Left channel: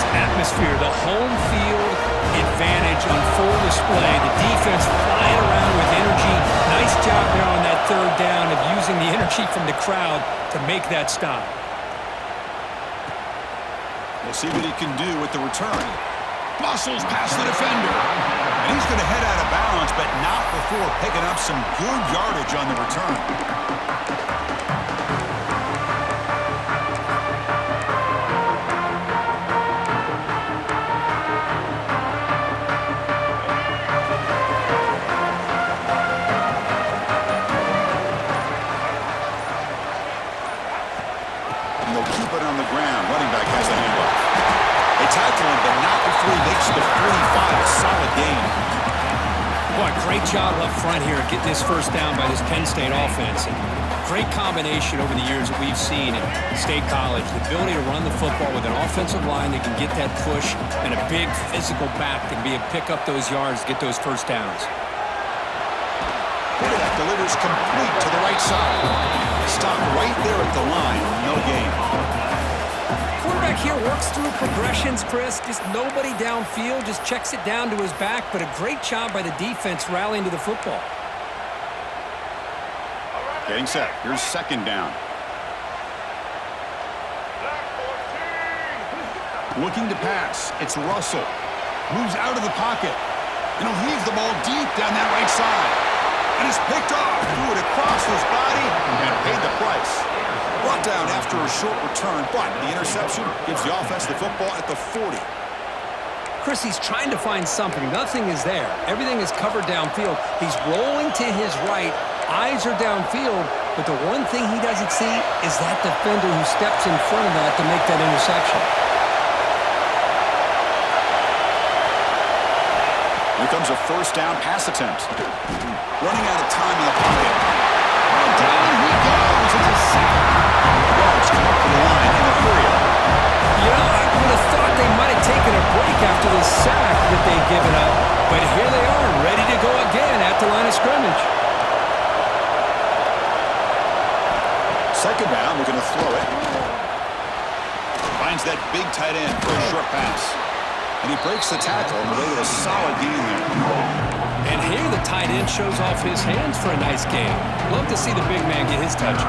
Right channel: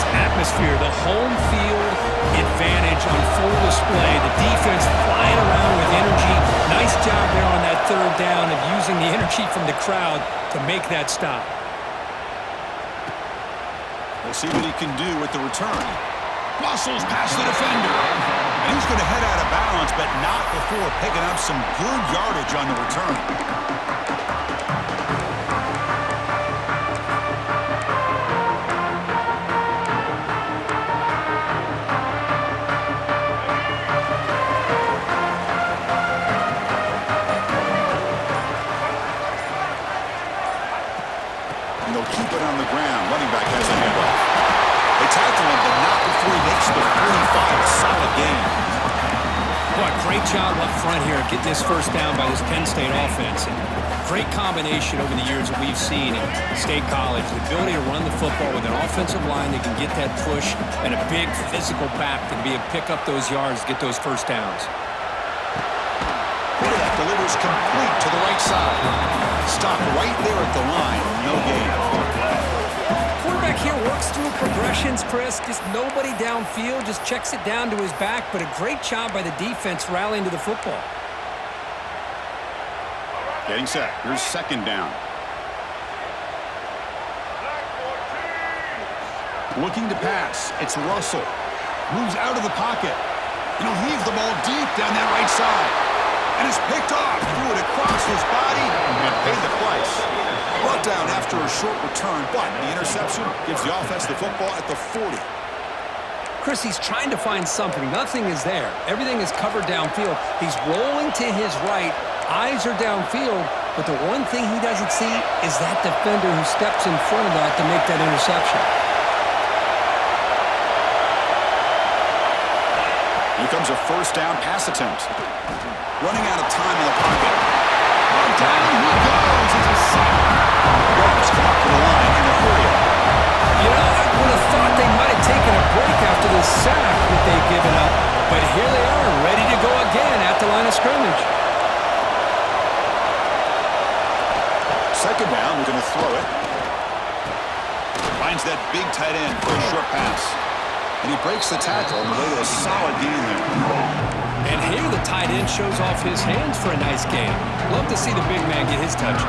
this atmosphere, the home field advantage on full display. The defense flying around with energy. Nice job there on that third down of using the energy from the crowd to make that stop. We'll see what he can do with the return. Muscles past the defender. And he's going to head out of bounds, but not before picking up some good yardage on the return. And they'll keep it on the ground. Running back has a handoff. They tackle him, but not before he makes the 45. A solid gain. Boy, great job up front here getting this first down by this Penn State offense. And great combination over the years that we've seen in State College. The ability to run the football with an offensive line that can get that push and a big physical back that can be able to pick up those yards, get those first downs. Quarterback delivers complete to the right side. Stopped right there at the line. No gain. Quarterback here works through progressions, Chris. Just nobody downfield, just checks it down to his back, but a great job by the defense rallying to the football. Getting set. Here's second down. Looking to pass. It's Russell. Moves out of the pocket. And he'll heave the ball deep down that right side. And it's picked off. Threw it across his body and paid the price. Brought down after a short return, but the interception gives the offense the football at the 40. Chris, he's trying to find something. Nothing is there. Everything is covered downfield. He's rolling to his right. Eyes are downfield, but the one thing he doesn't see is that defender who steps in front of that to make that interception. Here comes a first down pass attempt. Running out of time in the pocket. Oh, down he goes. It's a sack. Guards come up to the line in a hurry up. You know, I would have thought they might have taken a break after the sack that they've given up, but here they are, ready to go again at the line of scrimmage. Second down, we're going to throw it. Finds that big tight end for a short pass. And he breaks the tackle on the way to a solid gain there. And here the tight end shows off his hands for a nice gain. Love to see the big man get his touches.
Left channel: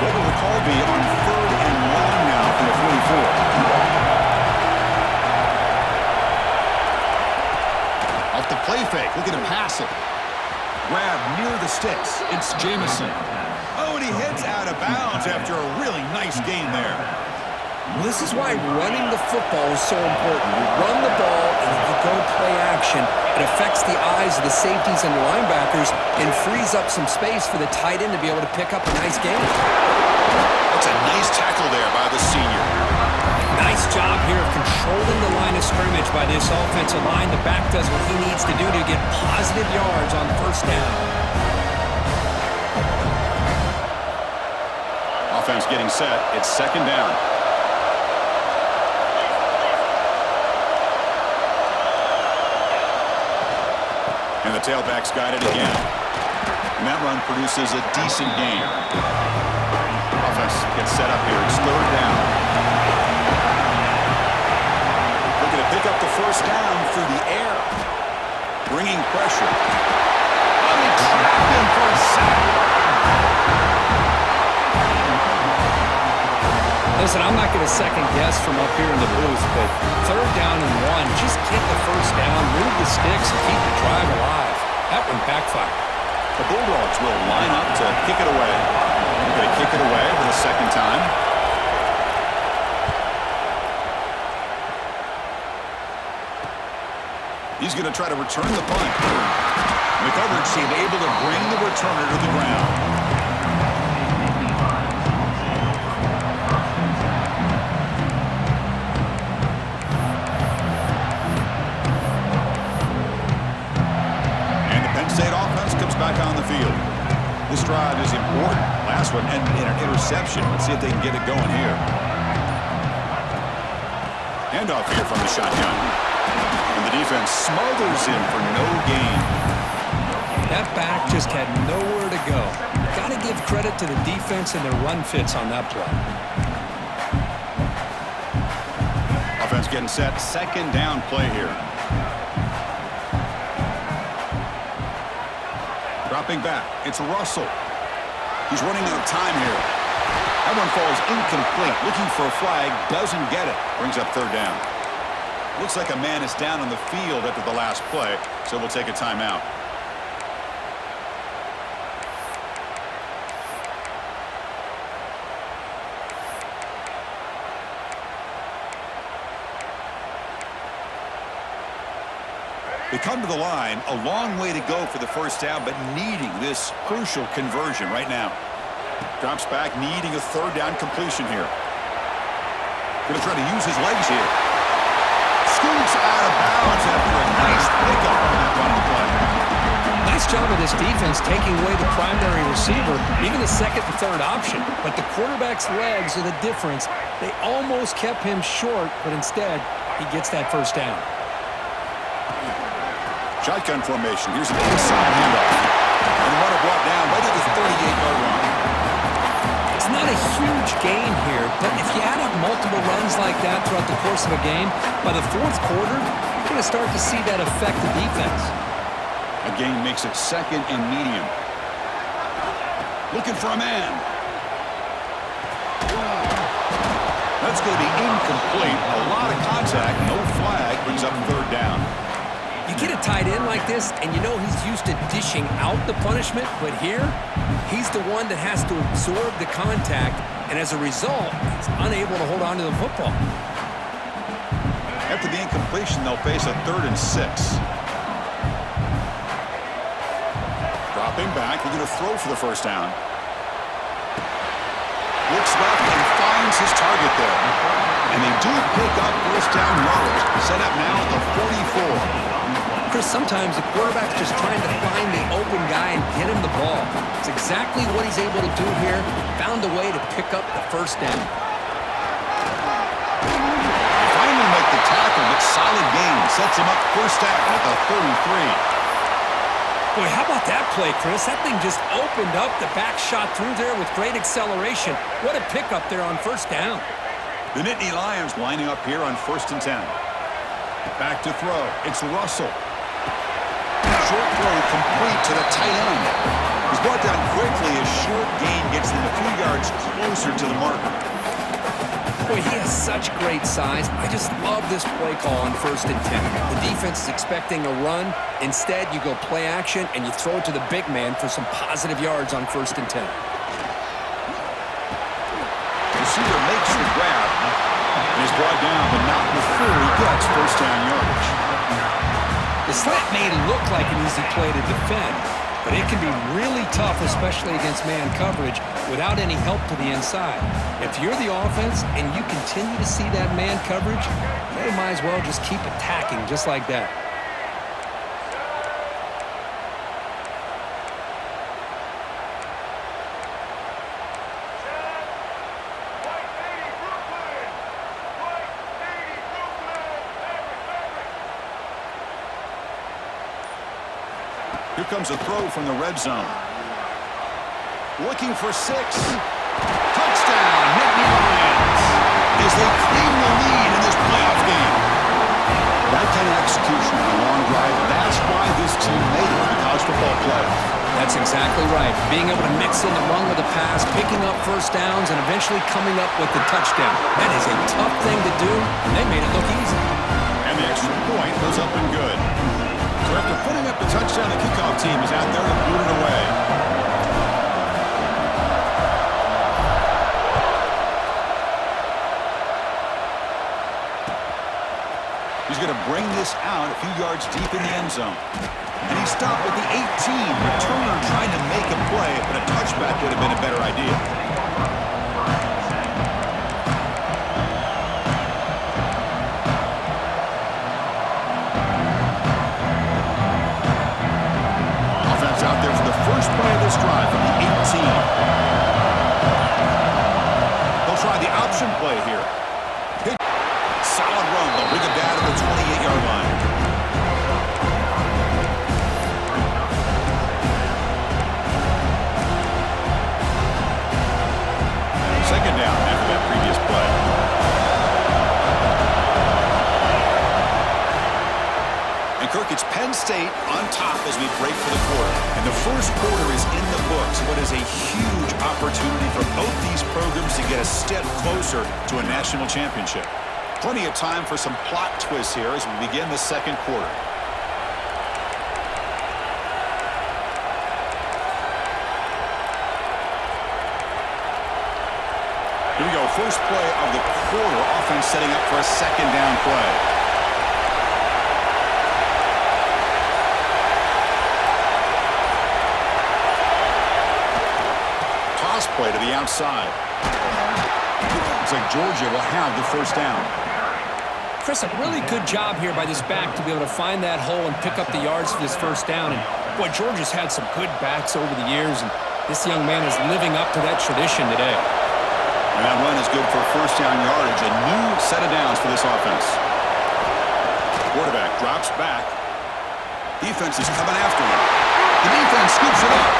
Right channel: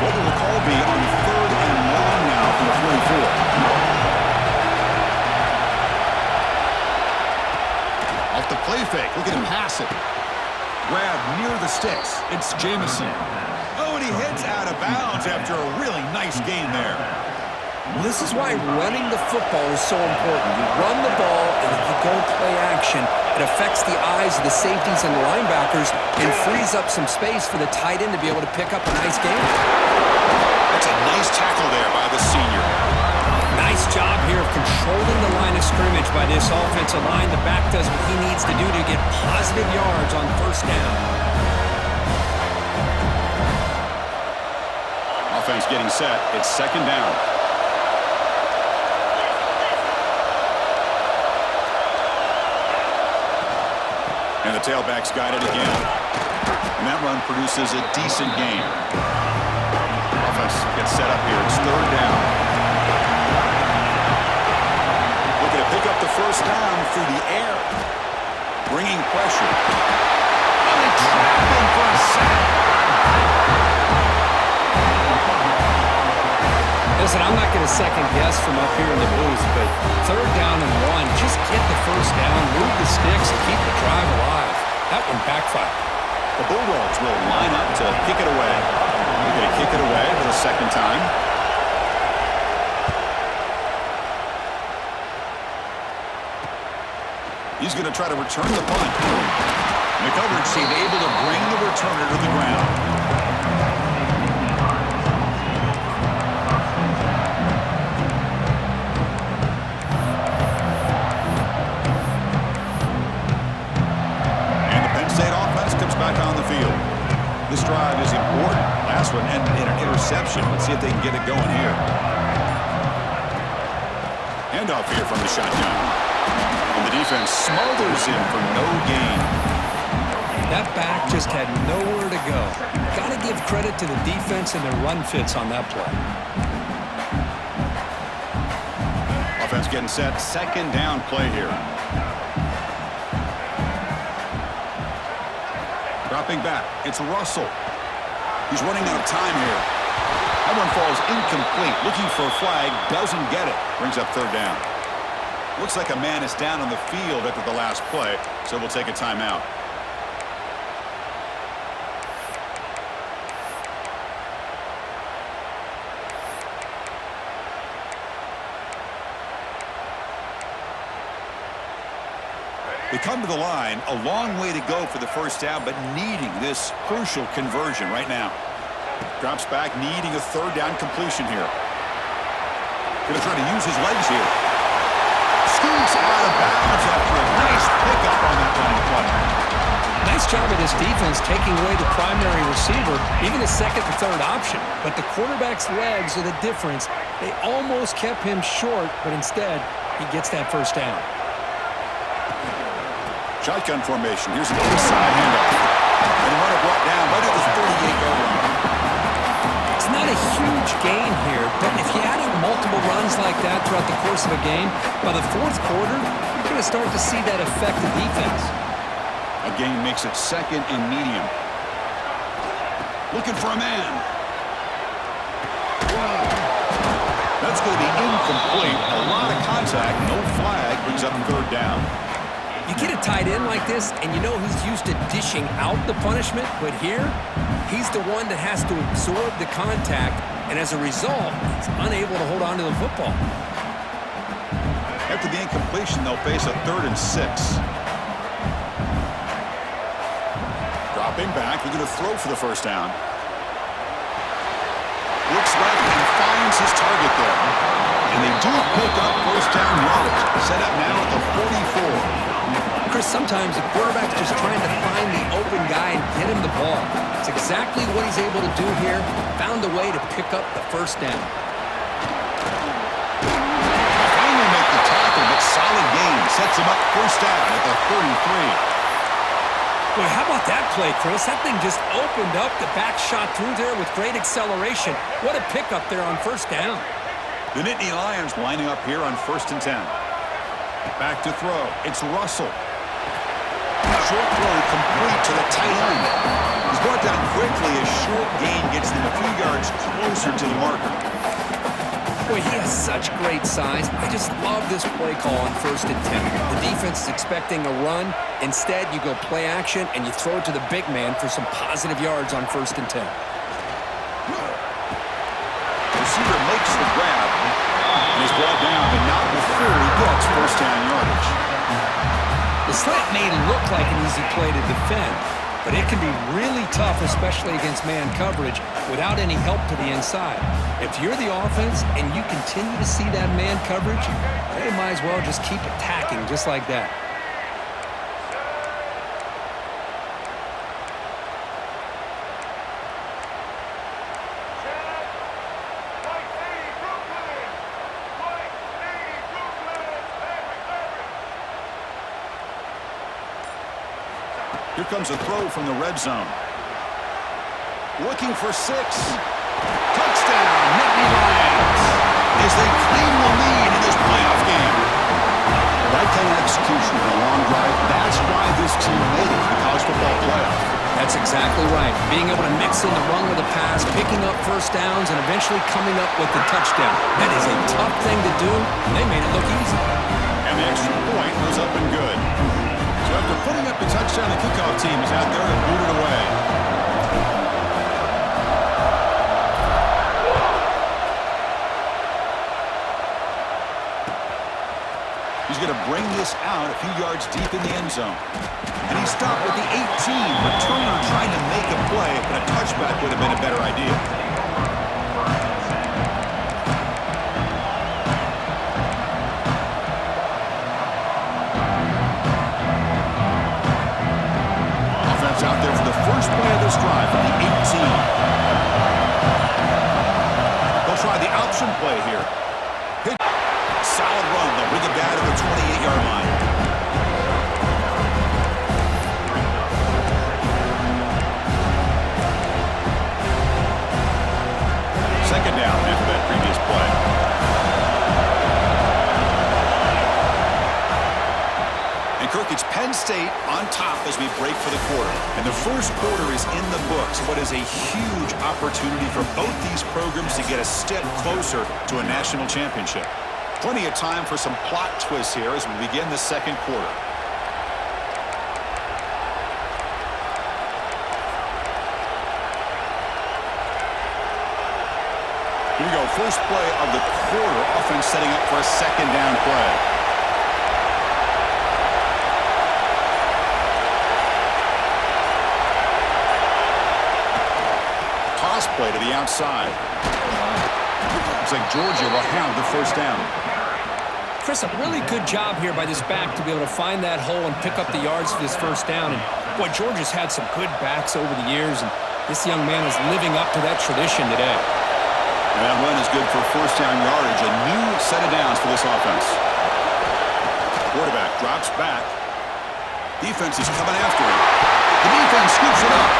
What will the call be on third and long now from the 44? Off the play fake. Look at him pass it. Grab near the sticks. It's Jamison. Oh, and he heads out of bounds after a really nice gain there. Well, this is why running the football is so important. You run the ball and then you go play action. It affects the eyes of the safeties and the linebackers and frees up some space for the tight end to be able to pick up a nice gain. That's a nice tackle there by the senior. Nice job here of controlling the line of scrimmage by this offensive line. The back does what he needs to do to get positive yards on first down. Offense getting set. It's second down. And the tailback's got it again. And that run produces a decent gain. Offense gets set up here. It's third down. Looking to pick up the first down through the air. Bringing pressure. Oh, they trap him for a sack. Listen, I'm not going to second guess from up here in the booth, but third down and one, just get the first down, move the sticks, and keep the drive alive. That one backfired. The Bulldogs will line up to kick it away. They're going to kick it away for the second time. He's going to try to return the punt. And the coverage team able to bring the returner to the ground. Back on the field. This drive is important. Last one ended in an interception. Let's see if they can get it going here. Handoff here from the shotgun. And the defense smothers him for no gain. That back just had nowhere to go. got to give credit to the defense and their run fits on that play. Offense getting set. Second down play here. Dropping back. It's Russell. He's running out of time here. That one falls incomplete. Looking for a flag. Doesn't get it. Brings up third down. Looks like a man is down on the field after the last play, so we'll take a timeout. They come to the line, a long way to go for the first down, but needing this crucial conversion right now. Drops back, needing a third down completion here. Going to try to use his legs here. Scoots out of bounds after a nice pickup on that running play. Nice job of this defense taking away the primary receiver, even the second and third option. But the quarterback's legs are the difference. They almost kept him short, but instead, he gets that first down. Shotgun formation. Here's an inside handoff. And the runner brought down right at the 38-yard line. It's not a huge gain here, but if you add up multiple runs like that throughout the course of a game, by the fourth quarter, you're going to start to see that affect the defense. A gain makes it second and medium. Looking for a man. That's going to be incomplete. A lot of contact, no flag, brings up third down. You get a tight end like this, and you know he's used to dishing out the punishment, but here, he's the one that has to absorb the contact, and as a result, he's unable to hold on to the football. After the incompletion, they'll face a 3rd and 6. Dropping back, he's going to throw for the first down. Looks left and finds his target there. And they do pick up first down yardage. Set up now at the 44. Chris, sometimes the quarterback's just trying to find the open guy and get him the ball. It's exactly what he's able to do here. Found a way to pick up the first down. They finally make the tackle, but solid gain. Sets him up first down at the 33. Boy, how about that play, Chris? That thing just opened up. The back shot through there with great acceleration. What a pickup there on first down. The Nittany Lions lining up here on 1st and 10. Back to throw. It's Russell. Short throw complete to the tight end. He's brought down quickly. A short gain gets them a few yards closer to the marker. Boy, he has such great size. I just love this play call on 1st and 10. The defense is expecting a run. Instead, you go play action, and you throw it to the big man for some positive yards on 1st and 10. Receiver makes the grab, and he's brought down, but not before he gets first down yardage. The slant may look like an easy play to defend, but it can be really tough, especially against man coverage, without any help to the inside. If you're the offense and you continue to see that man coverage, they might as well just keep attacking just like that. Here comes a throw from the red zone. Looking for 6. Touchdown, Nittany Lions, as they claim the lead in this playoff game. That kind of execution on a long drive, that's why this team made it to the college football playoff. That's exactly right. Being able to mix in the run with the pass, picking up first downs, and eventually coming up with the touchdown. That is a tough thing to do, and they made it look easy. And the extra point was up and good. So after putting up the touchdown, the kickoff team is out there to boot it away. He's going to bring this out a few yards deep in the end zone. And he stopped at the 18. Returner trying to make a play, but a touchback would have been a better idea. Offense out there for the first play of this drive from the 18. They'll try the option play here. Solid run. They'll bring it down to the 28-yard line. second down after that previous play. And Kirk, it's Penn State on top as we break for the quarter. And the first quarter is in the books. What is a huge opportunity for both these programs to get a step closer to a national championship. Plenty of time for some plot twists here as we begin the second quarter. Here we go, first play of the quarter. Offense setting up for a second down play. Toss play to the outside. Looks like Georgia will have the first down. Chris, a really good job here by this back to be able to find that hole and pick up the yards for this first down. And, boy, Georgia's had some good backs over the years, and this young man is living up to that tradition today. And that run is good for first down yardage. A new set of downs for this offense. Quarterback drops back. Defense is coming after him. The defense scoops it up.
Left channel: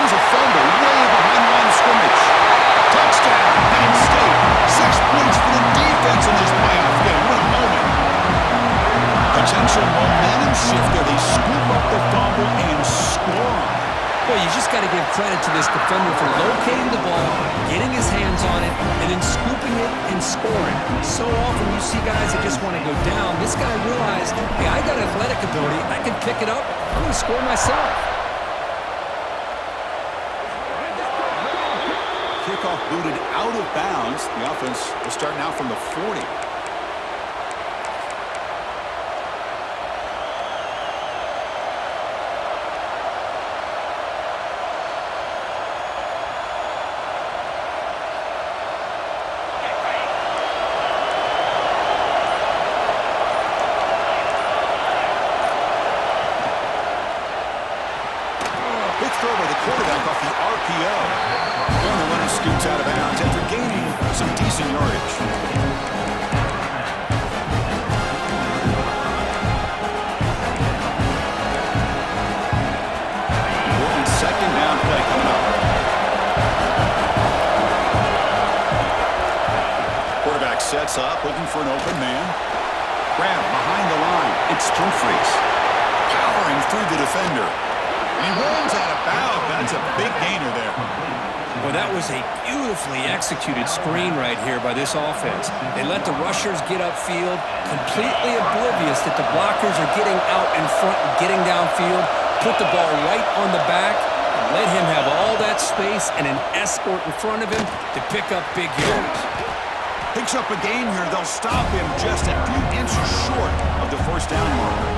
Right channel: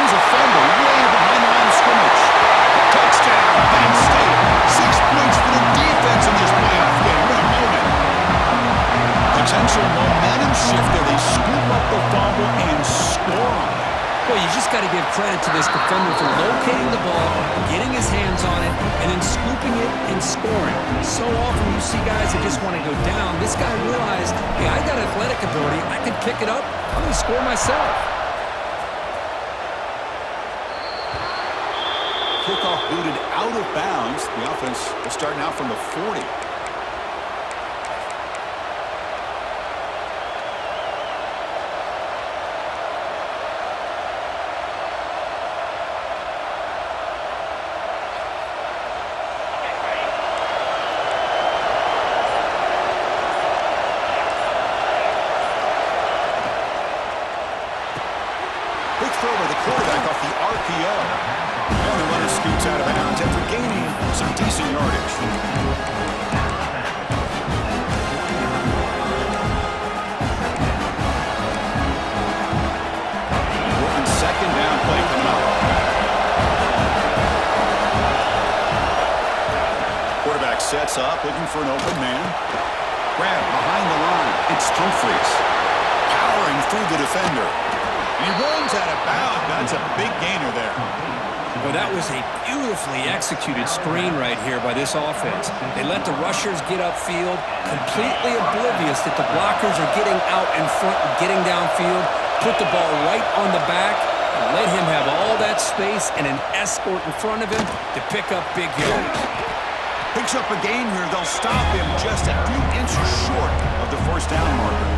Here's a fumble way behind the line of scrimmage. Touchdown, Penn State. 6 points for the defense in this playoff game. What a moment. Potential momentum shift there. They scoop up the fumble and score on it. Boy, you just got to give credit to this defender for locating the ball, getting his hands on it, and then scooping it and scoring. So often you see guys that just want to go down. This guy realized, hey, I got athletic ability. I can pick it up. I'm going to score myself. Kickoff booted out of bounds. The offense will start now from the 40. Big throw by the quarterback off the RPO. And the runner scoots out of bounds after gaining some decent yardage. Important second down play coming up. Quarterback sets up, looking for an open man. Grab behind the line. It's Humphreys. Powering through the defender. And he runs out of bounds. That's a big gainer there. Well, that was a beautifully executed screen right here by this offense. They let the rushers get upfield, completely oblivious that the blockers are getting out in front and getting downfield, put the ball right on the back, and let him have all that space and an escort in front of him to pick up big yards. Picks up a gain here. They'll stop him just a few inches short of the first down marker.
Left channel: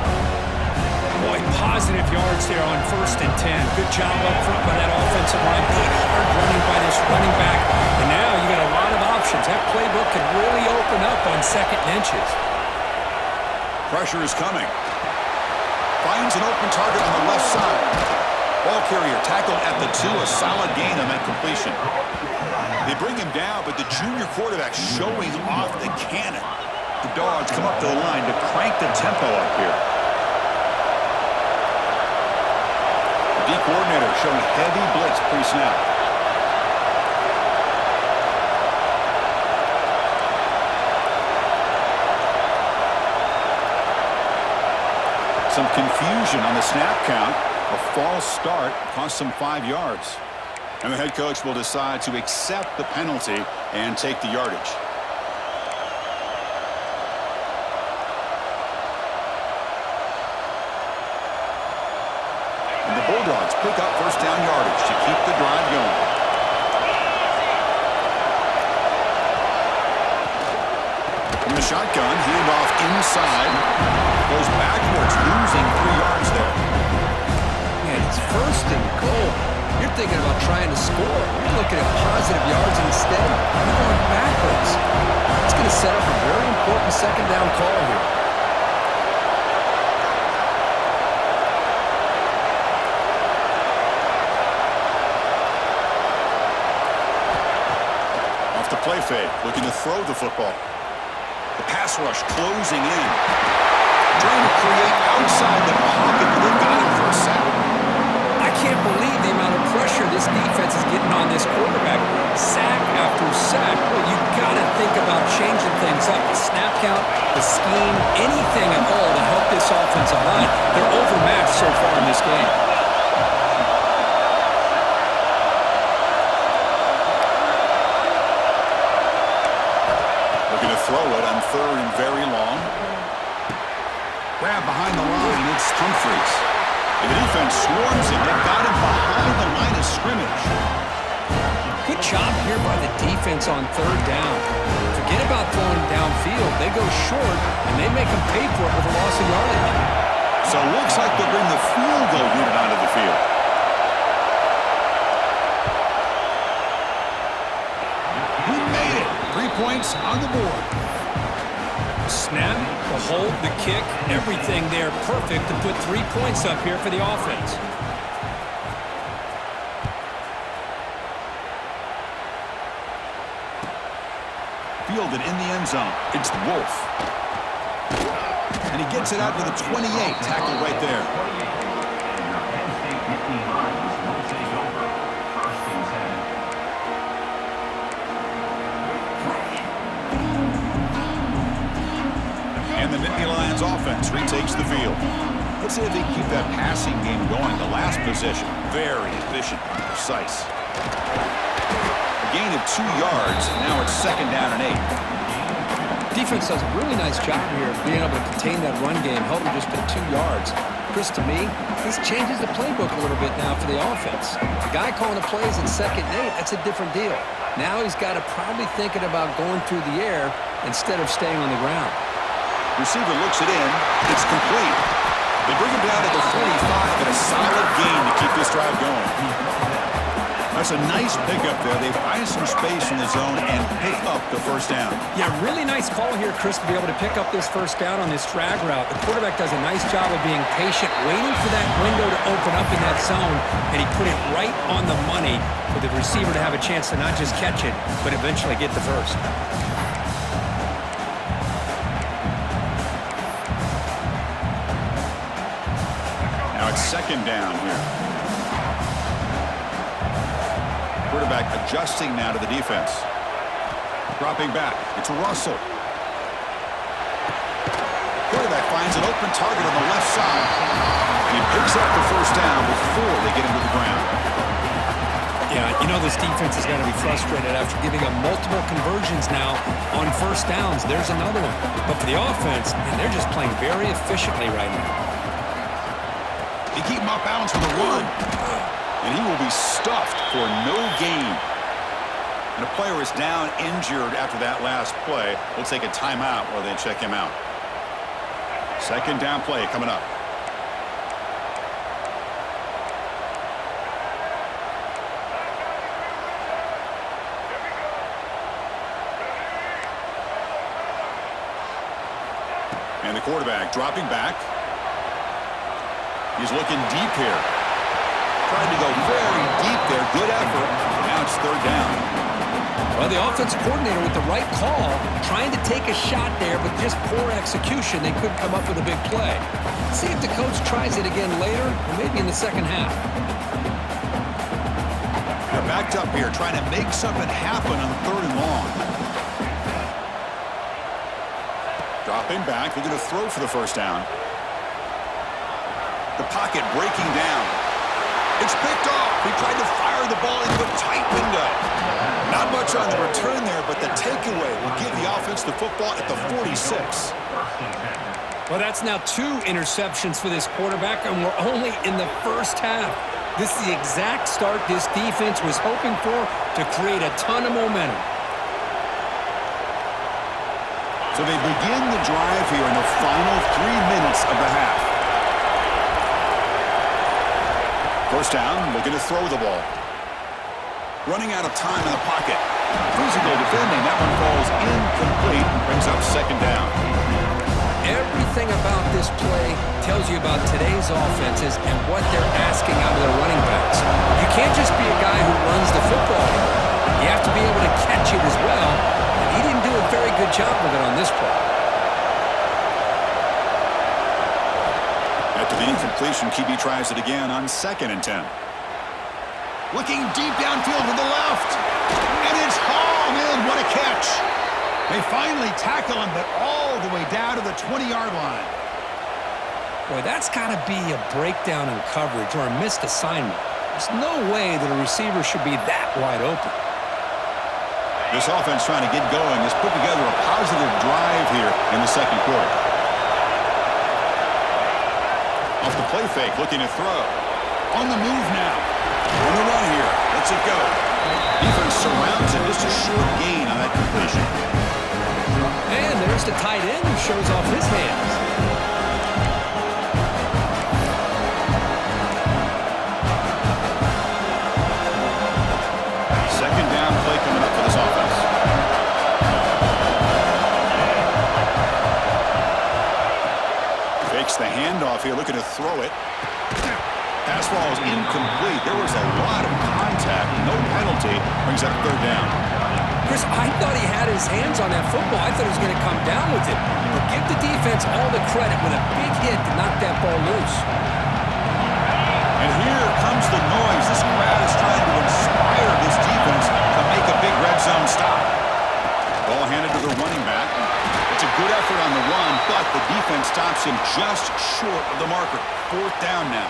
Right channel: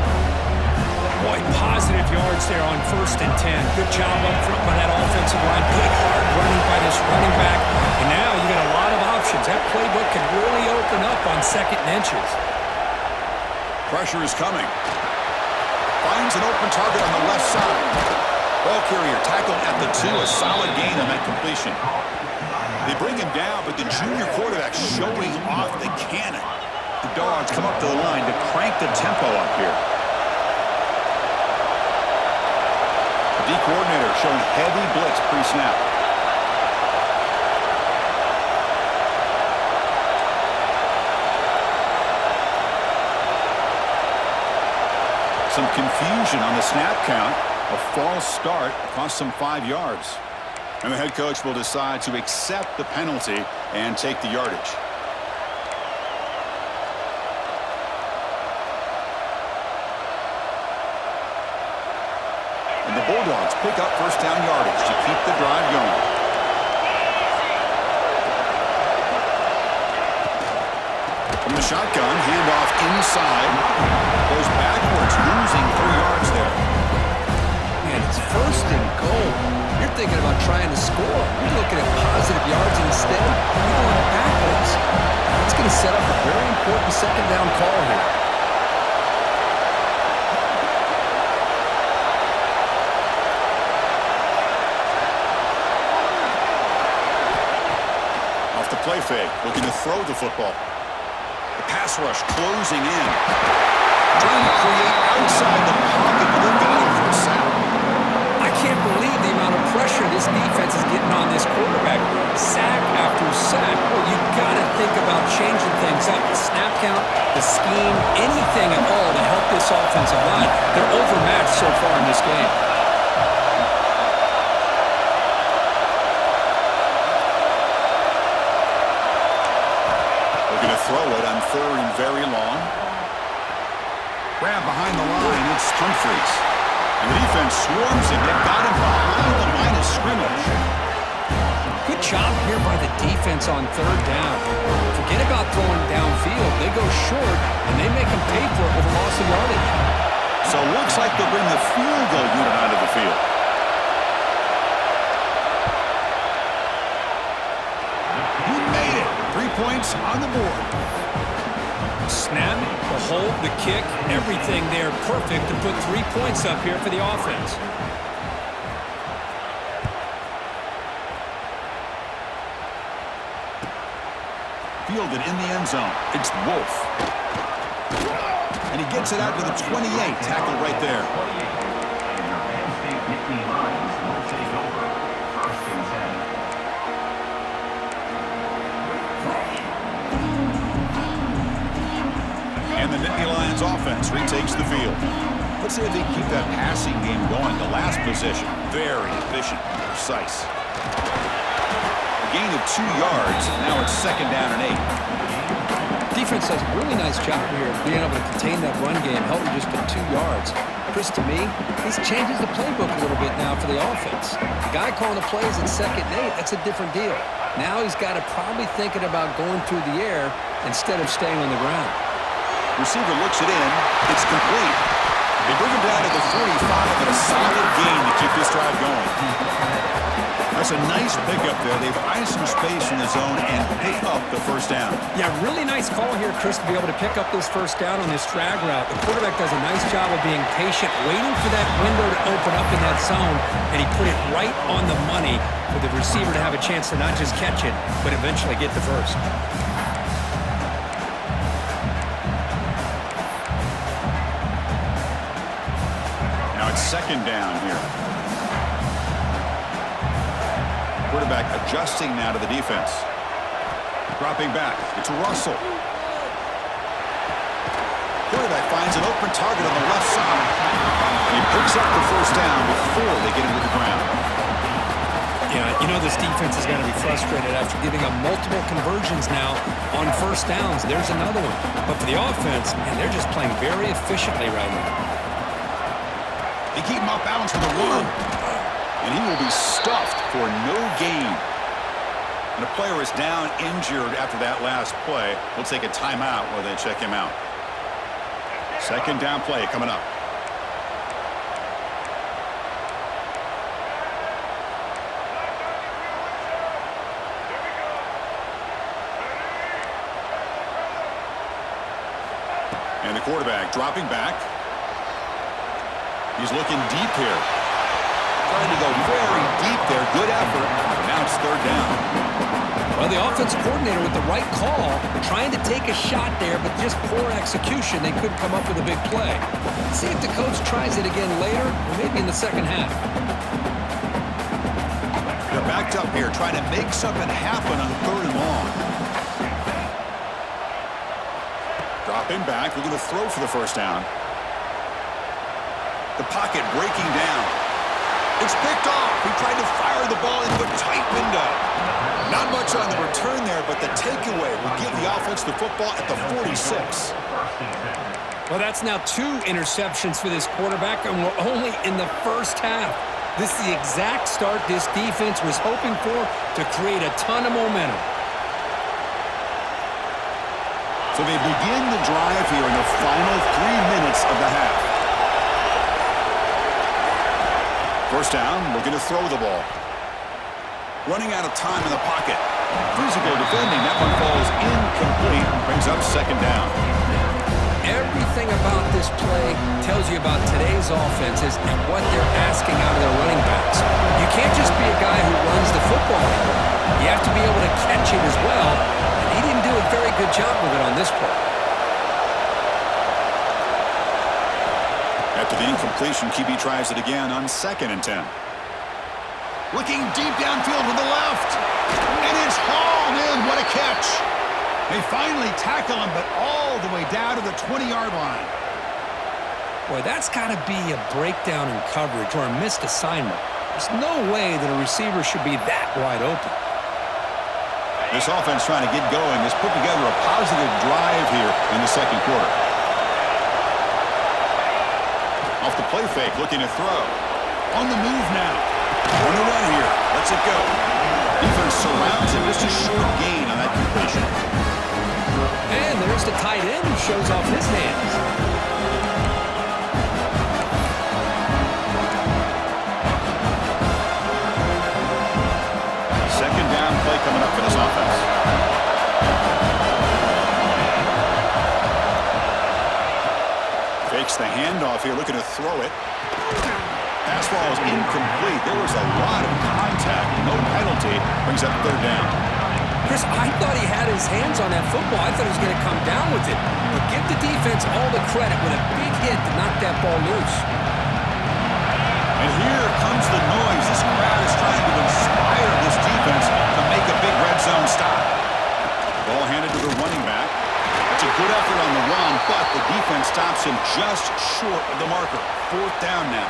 Boy, positive yards there on 1st and 10. Good job up front by that offensive line. Good hard running by this running back. And now you got a lot of options. That playbook can really open up on 2nd and inches. Pressure is coming. Finds an open target on the left side. Ball carrier tackled at the 2. A solid gain on that completion. They bring him down, but the junior quarterback showing off the cannon. The Dogs come up to the line to crank the tempo up here. The D-coordinator showing heavy blitz pre-snap. Some confusion on the snap count. A false start cost them 5 yards. And the head coach will decide to accept the penalty and take the yardage. And the Bulldogs pick up first down yardage to keep the drive going. From the shotgun, handoff inside. Goes backwards, losing 3 yards there. Man, it's 1st and goal. You're thinking about trying to score. You're looking at positive yards instead. You're going backwards. That's going to set up a very important 2nd down call here. Off the play fake, looking to throw the football. The pass rush closing in. Trying to create outside the pocket, but they've got him for a sack. I can't believe the amount of pressure this defense is getting on this quarterback. Sack after sack, well, you got to think about changing things up. The snap count, the scheme, anything at all to help this offensive line. They're overmatched so far in this game. They're going to throw it on 3rd and very long. Grab behind the line, it's Humphries. And the defense swarms him. They've got him behind the line of scrimmage. Good job here by the defense on 3rd down. Forget about throwing downfield. They go short, and they make them pay for it with a loss of yardage. So it looks like they'll bring the field goal unit onto the field. He made it. 3 points on the board. Snap, the hold, the kick, everything there perfect to put 3 points up here for the offense. Fielded in the end zone. It's Wolf. And he gets it out to the 28. Tackle right there. And the Nittany Lions offense retakes the field. Let's see if they keep that passing game going. The last possession, very efficient, precise. A gain of 2 yards. Now it's 2nd down and 8. Defense does a really nice job here of being able to contain that run game, held them just to 2 yards. Chris, to me, this changes the playbook a little bit now for the offense. The guy calling the plays at 2nd and 8, that's a different deal. Now he's got to probably thinking about going through the air instead of staying on the ground. Receiver looks it in. It's complete. They bring him down to the 45, and a solid gain to keep this drive going. That's a nice pickup there. They find some space in the zone and pick up the 1st down. Yeah, really nice call here, Chris, to be able to pick up this 1st down on this drag route. The quarterback does a nice job of being patient, waiting for that window to open up in that zone, and he put it right on the money for the receiver to have a chance to not just catch it, but eventually get the 1st. Now it's 2nd down here. Quarterback adjusting now to the defense. Dropping back. It's Russell. Quarterback finds an open target on the left side. And he picks up the 1st down before they get him to the ground. Yeah, you know this defense is going to be frustrated after giving up multiple conversions now on 1st downs. There's another one. But for the offense, man, they're just playing very efficiently right now. They keep him off balance for the run. And he will be stuffed for no gain. And a player is down injured after that last play. We'll take a timeout while they check him out. 2nd down play coming up. And the quarterback dropping back. He's looking deep here. Trying to go very deep there. Good effort. Now it's 3rd down. Well, the offensive coordinator with the right call, trying to take a shot there, but just poor execution. They couldn't come up with a big play. See if the coach tries it again later, or maybe in the 2nd half. They're backed up here, trying to make something happen on 3rd and long. Dropping back, looking to throw for the 1st down. The pocket breaking down. It's picked off. He tried to fire the ball into a tight window. Not much on the return there, but the takeaway will give the offense the football at the 46. Well, that's now 2 interceptions for this quarterback, and we're only in the 1st half. This is the exact start this defense was hoping for to create a ton of momentum. So they begin the drive here in the final 3 minutes of the half. 1st down, looking to throw the ball. Running out of time in the pocket. Physical defending. That one falls incomplete and brings up 2nd down. Everything about this play tells you about today's offenses and what they're asking out of their running backs. You can't just be a guy who runs the football anymore. You have to be able to catch it as well, and he didn't do a very good job of it on this play. After the incompletion, QB tries it again on 2nd and 10. Looking deep downfield with the left. And it's hauled catch. They finally tackle him, but all the way down to the 20-yard line. Boy, that's got to be a breakdown in coverage or a missed assignment. There's no way that a receiver should be that wide open. This offense trying to get going has put together a positive drive here in the second quarter. Off the play fake, looking to throw. On the move now. On the run here. Lets it go. Defense surrounds him. Just a short gain on that completion. And there's the tight end who shows off his hands. Second down play coming up for this offense. Fakes the handoff here, looking to throw it. Pass ball is incomplete. There was a lot of contact. No penalty. Brings up third down. Chris, I thought he had his hands on that football. I thought he was going to come down with it. But give the defense all the credit with a big hit to knock that ball loose. And here comes the noise. This crowd is trying to inspire this defense to make a big red zone stop. Ball handed to the running back. It's a good effort on the run, but the defense stops him just short of the marker. Fourth down now.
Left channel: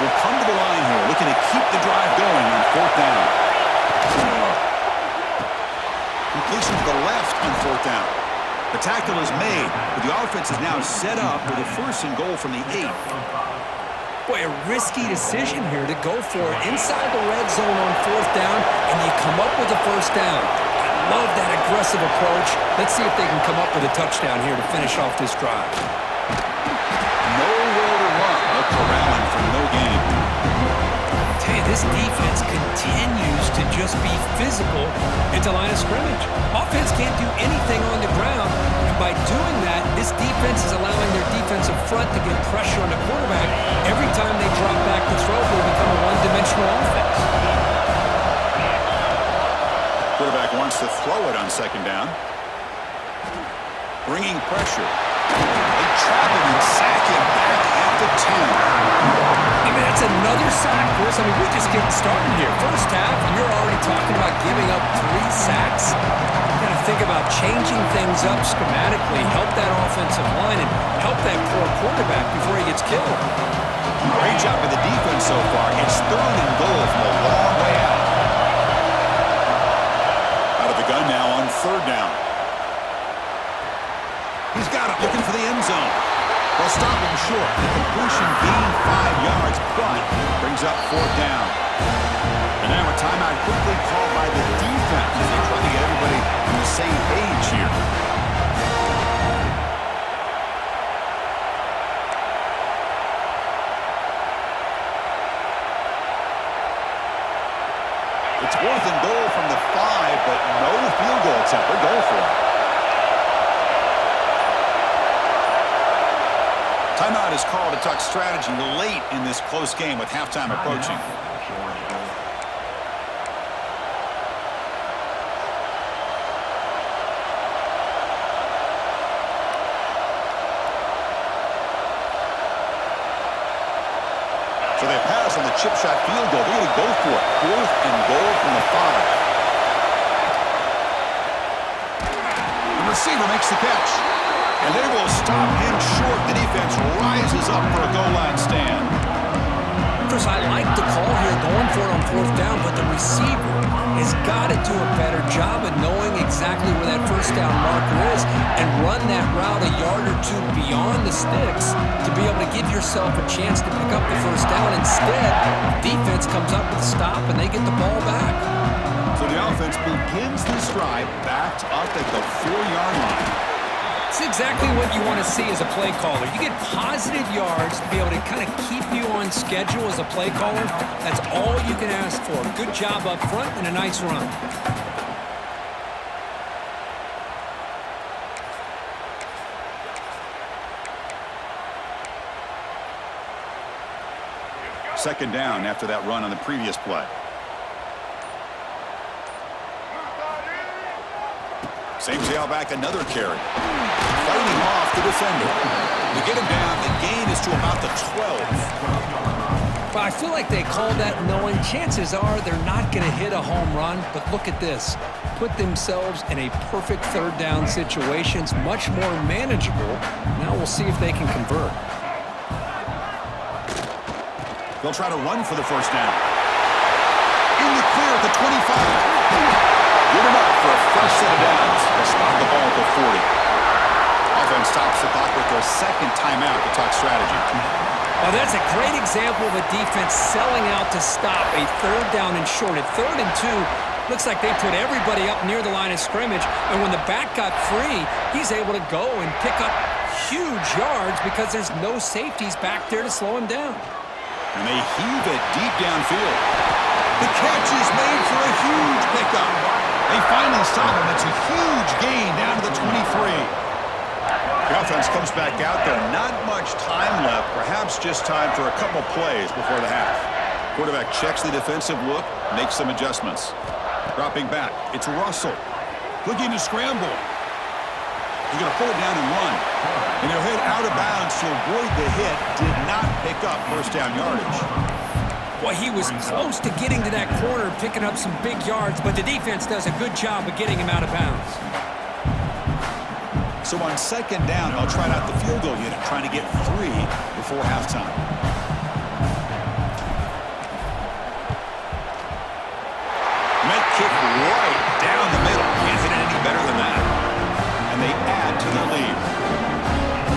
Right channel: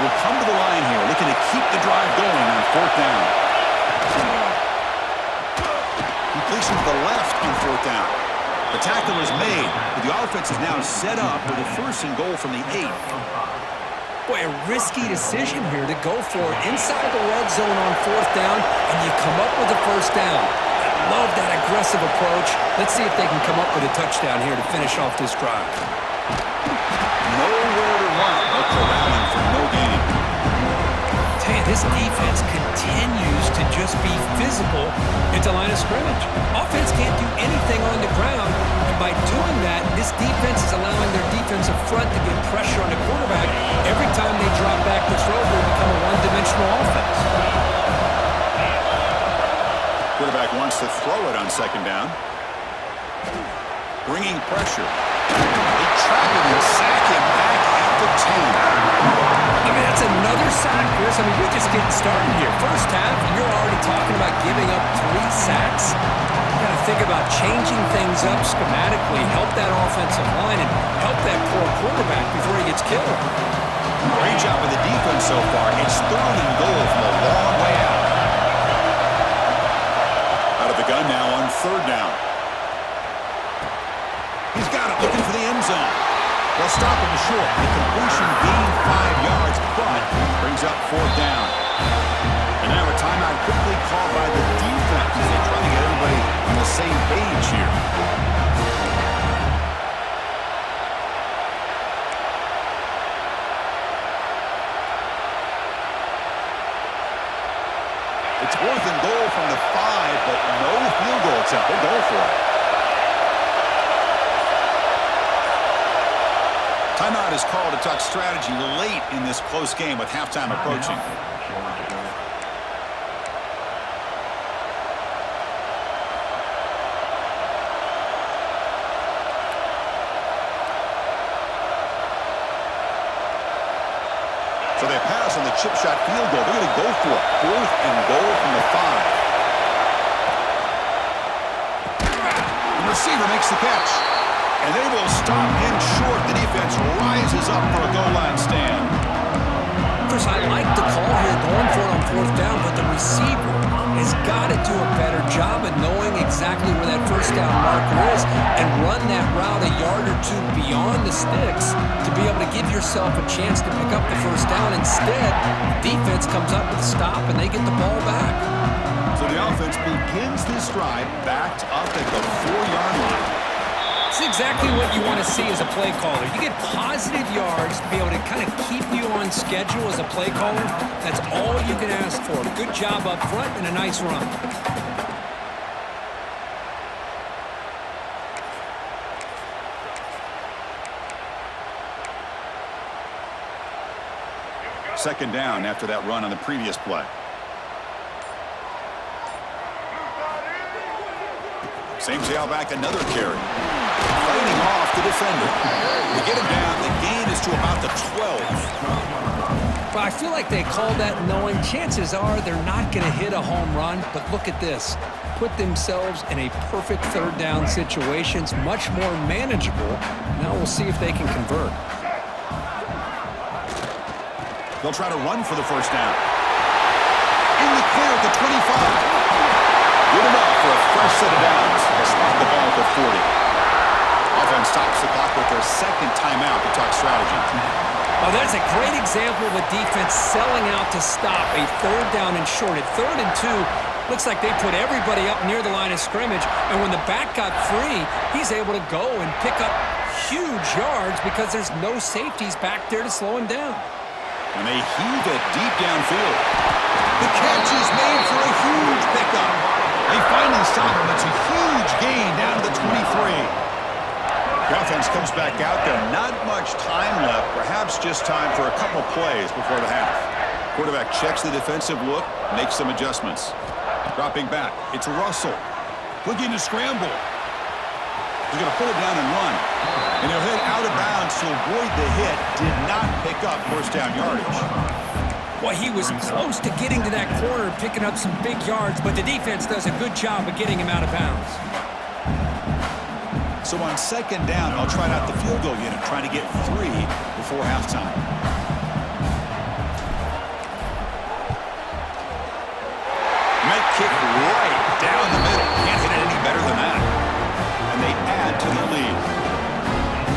Will come to the line here, looking to keep the drive going on fourth down. Completion to the left on fourth down. The tackle is made, but the offense is now set up with a first and goal from the 8. Boy, a risky decision here to go for it inside the red zone on fourth down, and you come up with a first down. I love that aggressive approach. Let's see if they can come up with a touchdown here to finish off this drive. Nowhere to run. They'll corral him for no gain. Tell you, this defense continues to just be physical at the line of scrimmage. Offense can't do anything on the ground, and by doing that, this defense is allowing their defensive front to get pressure on the quarterback. Every time they drop back to throw, they become a one-dimensional offense. Quarterback wants to throw it on second down. Bringing pressure. They trap him and sack him back at the 10. I mean, that's another sack, Chris. I mean, we're just getting started here. First half, and you're already talking about giving up 3 sacks. You got to think about changing things up schematically, help that offensive line, and help that poor quarterback before he gets killed. Great job with the defense so far. It's third and goal from a long way out. Out of the gun now on third down. He's got it, looking for the end zone. They'll stop him short. The completion gained 5 yards, but brings up fourth down. And now a timeout quickly called by the defense as they try to get everybody on the same page here. It's fourth and goal from the 5, but no field goal attempt. They're going for it. Timeout is called to talk strategy late in this close game with halftime approaching. So they pass on the chip shot field goal. They're going to go for it. Fourth and goal from the 5. The receiver makes the catch. And they will stop him short. The defense rises up for a goal line stand. Chris, I like the call here going for it on fourth down, but the receiver has got to do a better job of knowing exactly where that first down marker is and run that route a yard or two beyond the sticks to be able to give yourself a chance to pick up the first down. Instead, the defense comes up with a stop and they get the ball back. So the offense begins this drive backed up at the 4-yard line. It's exactly what you want to see as a play caller. You get positive yards to be able to kind of keep you on schedule as a play caller. That's all you can ask for. Good job up front and a nice run. Second down after that run on the previous play. Same tailback, another carry. Fighting off the defender. To get him down, the gain is to about the 12. Well, I feel like they called that knowing chances are they're not going to hit a home run, but look at this. Put themselves in a perfect third down situation. It's much more manageable. Now we'll see if they can convert. They'll try to run for the first down. In the clear at the 25. Good enough for a fresh set of downs. They'll spot the ball at the 40. Offense stops the clock with their second timeout to talk strategy. Oh, that's a great example of a defense selling out to stop a third down and short. At 3rd and 2, looks like they put everybody up near the line of scrimmage, and when the back got free, he's able to go and pick up huge yards because there's no safeties back there to slow him down. And they heave it deep downfield. The catch is made for a huge pickup. They finally stop him. It's a huge gain down to the 23. The offense comes back out there. Not much time left. Perhaps just time for a couple plays before the half. Quarterback checks the defensive look, makes some adjustments. Dropping back. It's Russell. Looking to scramble. He's going to pull it down and run. And he'll hit out of bounds to avoid the hit. Did not pick up first down yardage. Well, he was close to getting to that corner, picking up some big yards, but the defense does a good job of getting him out of bounds. So on second down, I'll try out the field goal unit, trying to get 3 before halftime. Met kick right down the middle. Can't hit it any better than that. And they add to their lead.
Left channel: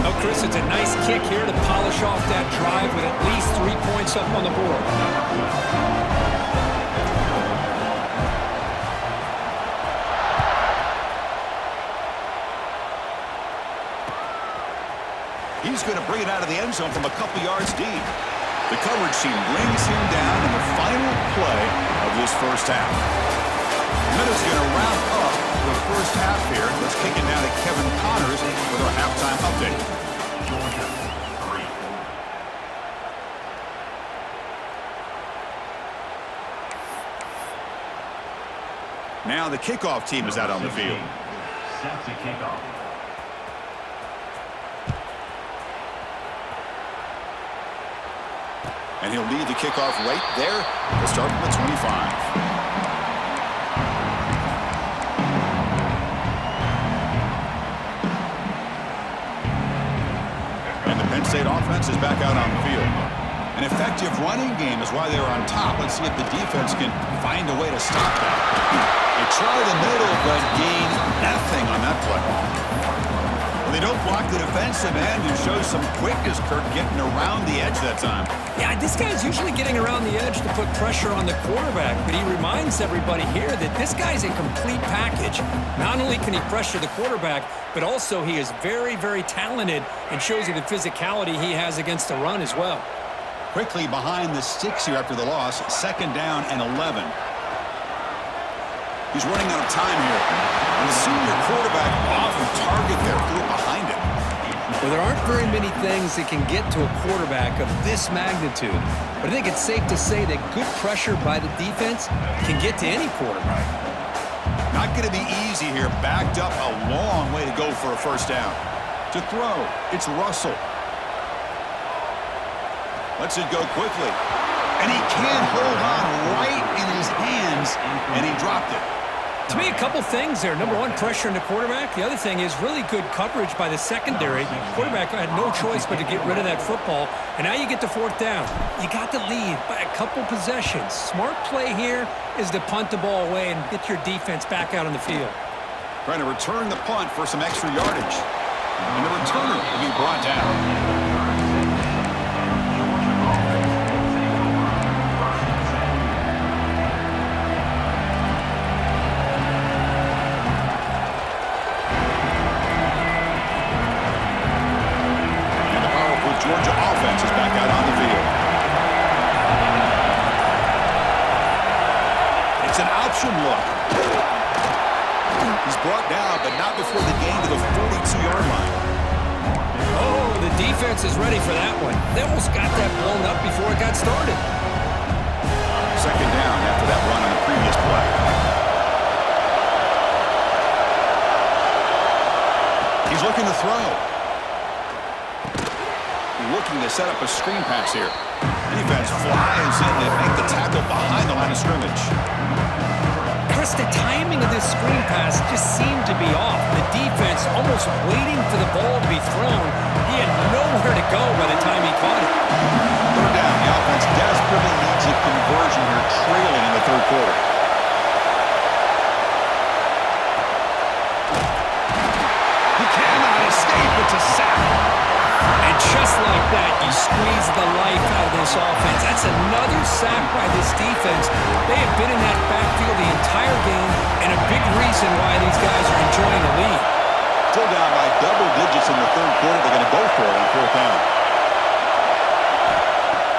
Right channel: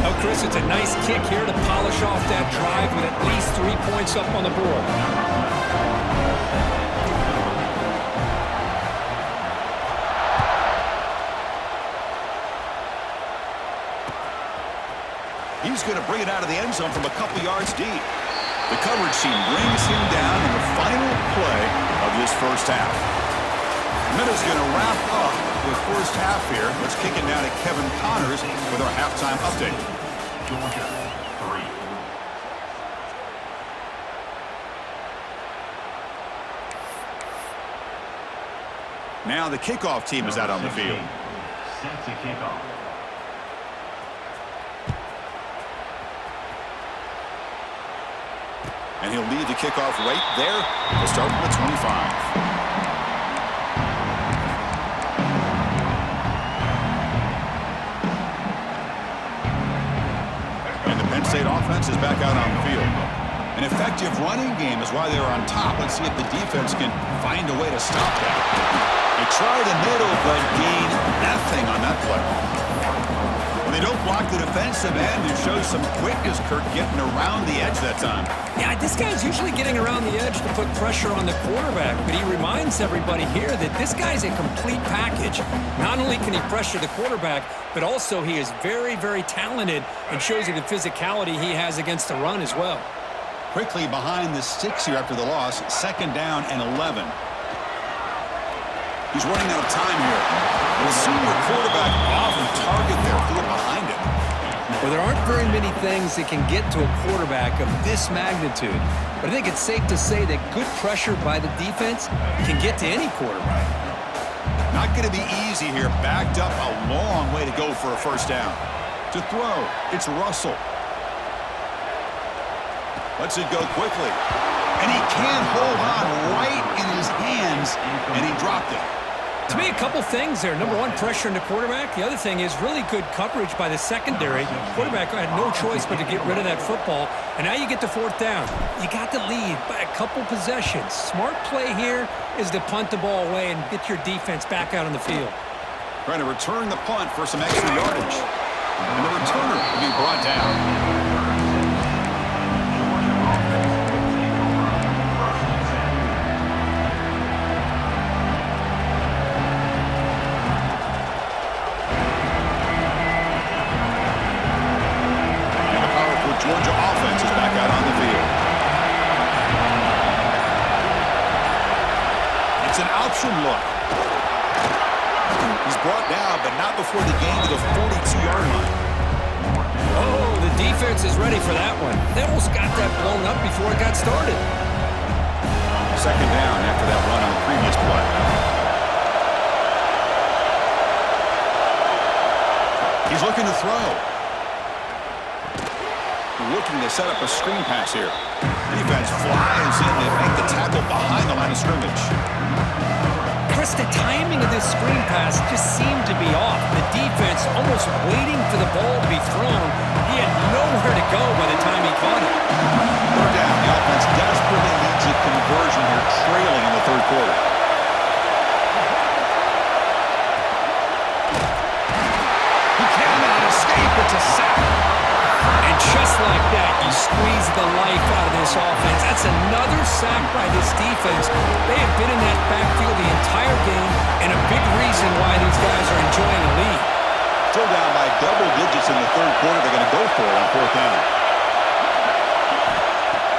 Oh, Chris, it's a nice kick here to polish off that drive with at least 3 points up on the board. He's going to bring it out of the end zone from a couple yards deep. The coverage team brings him down in the final play of this first half. Minutes going to wrap up the first half here. Let's kick it now to Kevin Connors with our halftime update. Georgia 3. Now the kickoff team is out on the field. Set to kick off. And he'll lead the kickoff right there. They'll start from the 25. Penn State offense is back out on the field. An effective running game is why they're on top. Let's see if the defense can find a way to stop that. They try the middle, but gain nothing on that play. Well, they don't block the defensive end and show some quickness, Kirk, getting around the edge that time. Yeah, this guy's usually getting around the edge to put pressure on the quarterback, but he reminds everybody here that this guy's a complete package. Not only can he pressure the quarterback, but also he is very, very talented and shows you the physicality he has against the run as well. Quickly behind the sticks here after the loss, second down and 11. He's running out of time here. And the senior quarterback off target there, threw it behind him. Well, there aren't very many things that can get to a quarterback of this magnitude. But I think it's safe to say that good pressure by the defense can get to any quarterback. Not going to be easy here. Backed up a long way to go for a first down. To throw, it's Russell. Lets it go quickly. And he can't hold on right in his hands, and he dropped it. To me, a couple things there. Number one, pressure in the quarterback. The other thing is really good coverage by the secondary. The quarterback had no choice but to get rid of that football. And now you get to fourth down. You got the lead by a couple possessions. Smart play here is to punt the ball away and get your defense back out on the field. Trying to return the punt for some extra yardage. And the returner will be brought down. Georgia offense will take over. First and 10. And the powerful Georgia offense is back out on the field. It's an option look. He's brought down, but not before the gain to the 42-yard line. Oh, the defense is ready for that one. They almost got that blown up before it got started. Second down after that run on the previous play. He's looking to throw. Looking to set up a screen pass here. The defense flies in to make the tackle behind the line of scrimmage. Chris, the timing of this screen pass just seemed to be off. The defense almost waiting for the ball to be thrown. He had nowhere to go by the time he caught it. Third down. The offense desperately needs a conversion here, trailing in the third quarter. He cannot escape. It's a sack. And just like that, you squeeze the life out of this offense. That's another sack by this defense. They have been in that backfield the entire game, and a big reason why these guys are enjoying a lead. Still down by double digits in the third quarter. They're going to go for it on fourth down.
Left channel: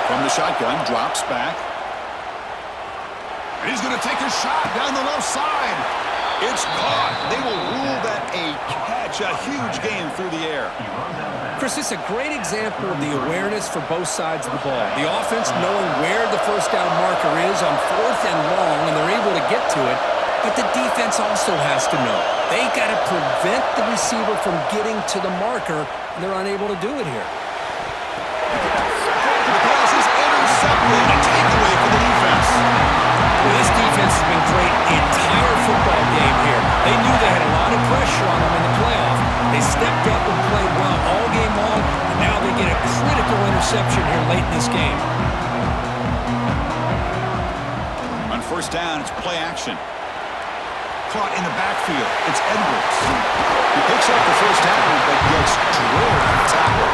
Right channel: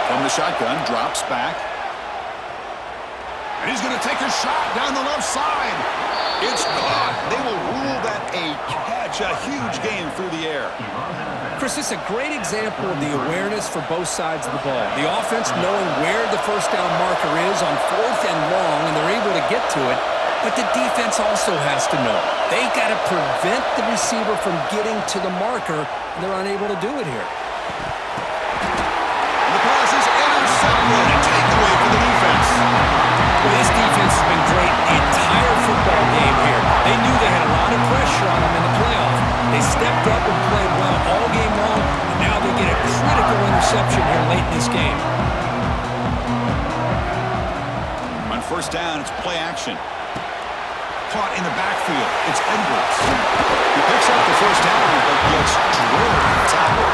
From the shotgun, drops back. And he's going to take a shot down the left side. It's caught. They will rule that a catch, a huge game through the air. Chris, this is a great example of the awareness for both sides of the ball. The offense knowing where the first down marker is on fourth and long, and they're able to get to it. But the defense also has to know. They got to prevent the receiver from getting to the marker, and they're unable to do it here. And the pass is intercepted. A takeaway for the defense. Well, this defense has been great the entire football game here. They knew they had a lot of pressure on them in the playoff. They stepped up and played well all game long, and now they get a critical interception here late in this game. On first down, it's play action. Caught in the backfield. It's Edwards. He picks up the first down, but gets drilled on the tackle.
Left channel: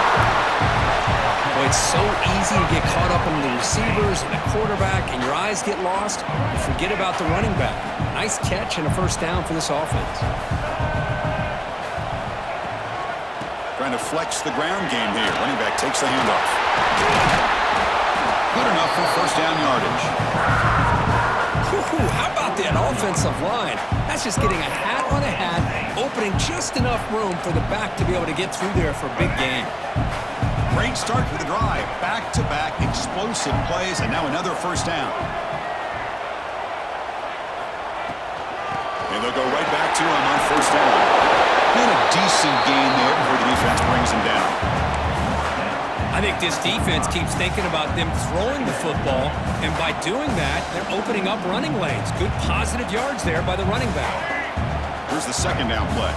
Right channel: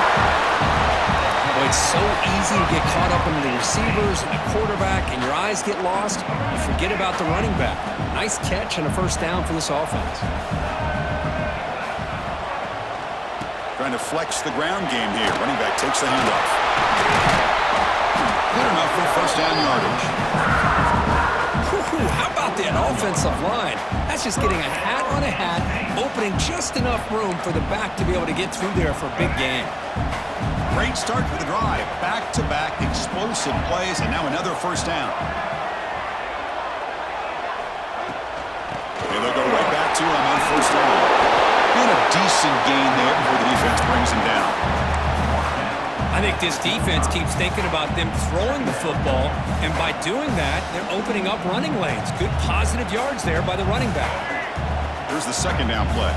Boy, it's so easy to get caught up in the receivers and the quarterback, and your eyes get lost. You forget about the running back. Nice catch and a first down for this offense. Trying to flex the ground game here. Running back takes the handoff. Good enough for first down yardage. How about that offensive line? That's just getting a hat on a hat, opening just enough room for the back to be able to get through there for a big gain. Great start to the drive. Back-to-back explosive plays, and now another first down. And they'll go right back to him on first down. And a decent gain there before the defense brings him down. I think this defense keeps thinking about them throwing the football, and by doing that, they're opening up running lanes. Good positive yards there by the running back. Here's the second down play.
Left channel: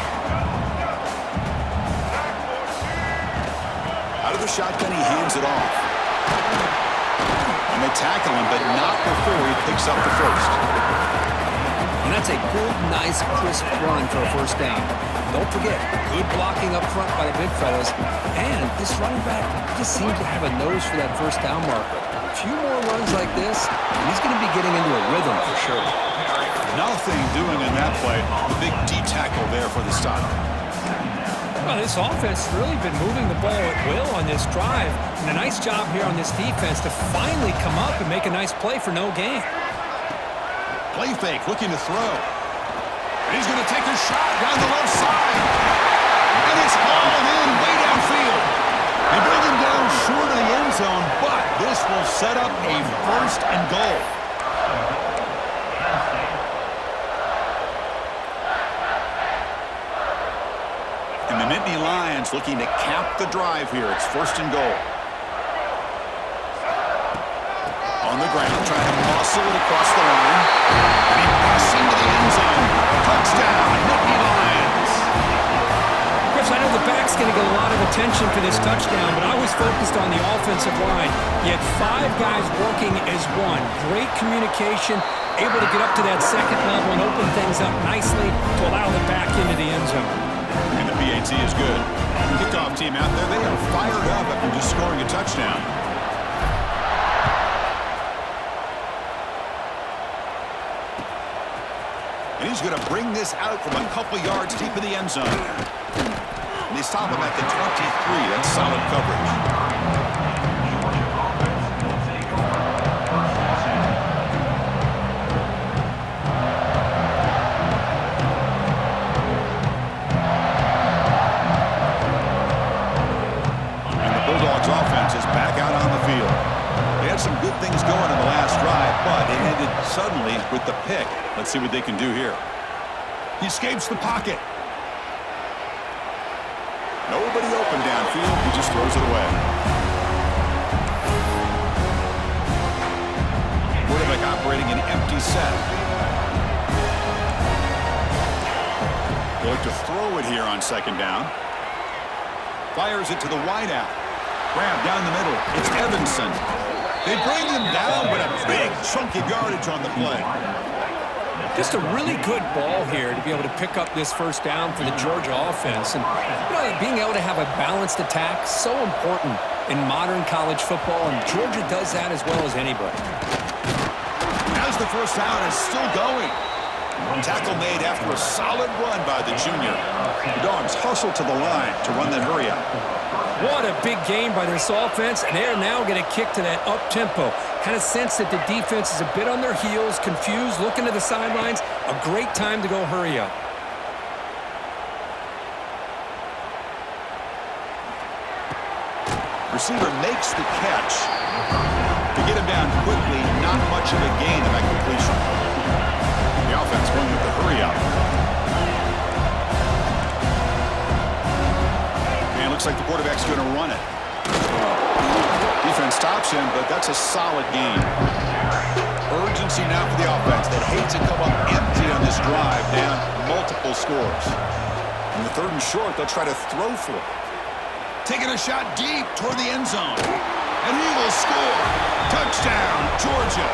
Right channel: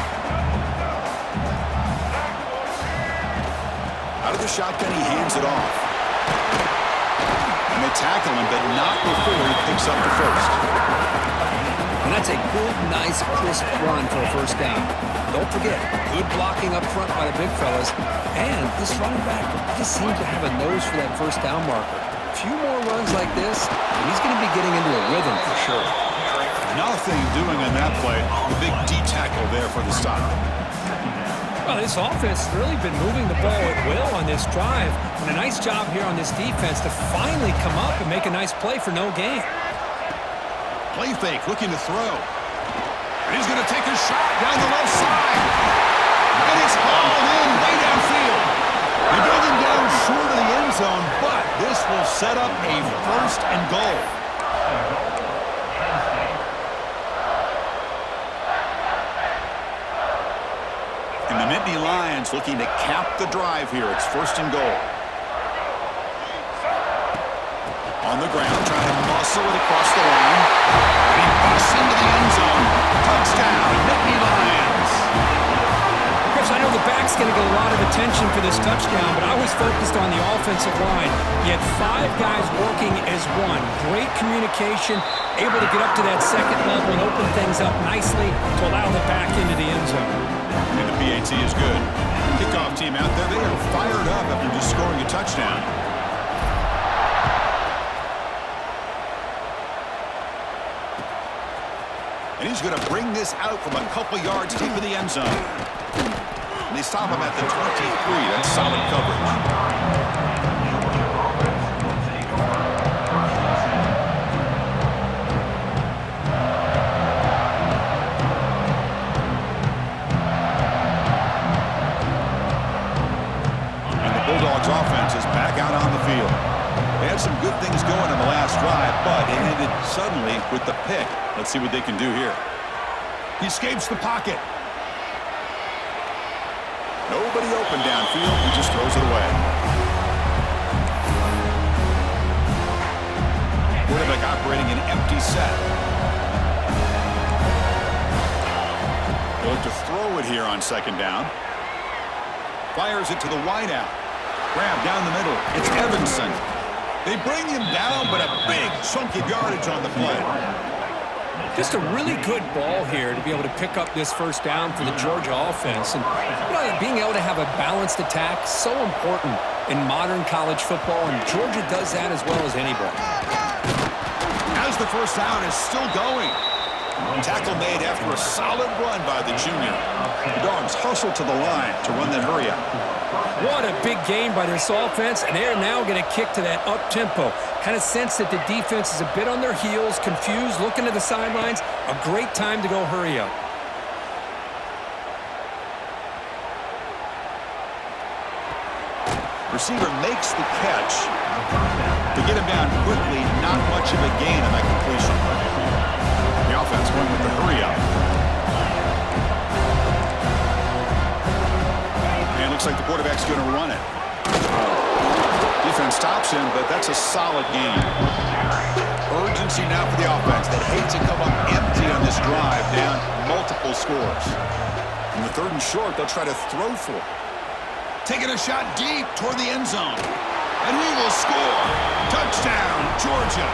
Out of the shotgun, he hands it off. And they tackle him, but not before he picks up the first. And that's a good, nice, crisp run for a first down. Don't forget, good blocking up front by the big fellas. And this running back just seems to have a nose for that first down marker. A few more runs like this, and he's going to be getting into a rhythm for sure. Nothing doing on that play. The big D tackle there for the stop. Well, this offense has really been moving the ball at will on this drive. And a nice job here on this defense to finally come up and make a nice play for no gain. Play fake, looking to throw. And he's going to take a shot down the left side. And it's hauled in way downfield. They bring him down short of the end zone, but this will set up a first and goal. And the Nittany Lions looking to cap the drive here. It's first and goal. On the ground, trying to muscle it across the line. And he busts into the end zone. Touchdown, Nittany Lions. Chris, Travis, I know the back's going to get a lot of attention for this touchdown, but I was focused on the offensive line. You had 5 guys working as one. Great communication, able to get up to that second level and open things up nicely to allow the back into the end zone. And the PAT is good. Kickoff team out there, they are fired up after just scoring a touchdown. And he's going to bring this out from a couple yards deep in the end zone. And they stop him at the 23. That's solid coverage. Georgia offense will take over first and 10. And the Bulldogs offense is back out on the field. They had some good things going on the last drive, but it ended suddenly with the pick. Let's see what they can do here. He escapes the pocket. Nobody open downfield. He just throws it away. Quarterback operating an empty set. They look to throw it here on second down. Fires it to the wideout. Grab down the middle. It's Evanson. They bring him down, but a big chunk of yardage on the play. Just a really good ball here to be able to pick up this first down for the Georgia offense. And being able to have a balanced attack, so important in modern college football, and Georgia does that as well as anybody. As the first down is still going. Tackle made after a solid run by the junior. The Dogs hustle to the line to run that hurry up. What a big gain by this offense, and they're now going to kick to that up-tempo. Kind of sense that the defense is a bit on their heels, confused, looking to the sidelines. A great time to go hurry up. Receiver makes the catch to get him down quickly. Not much of a gain on that completion. The offense going with the hurry up. And it looks like the quarterback's going to run it. Defense stops him, but that's a solid gain. Urgency now for the offense. They'd hate to come up empty on this drive, down multiple scores. In the 3rd and short, they'll try to throw for it. Taking a shot deep toward the end zone. And he will score. Touchdown, Georgia.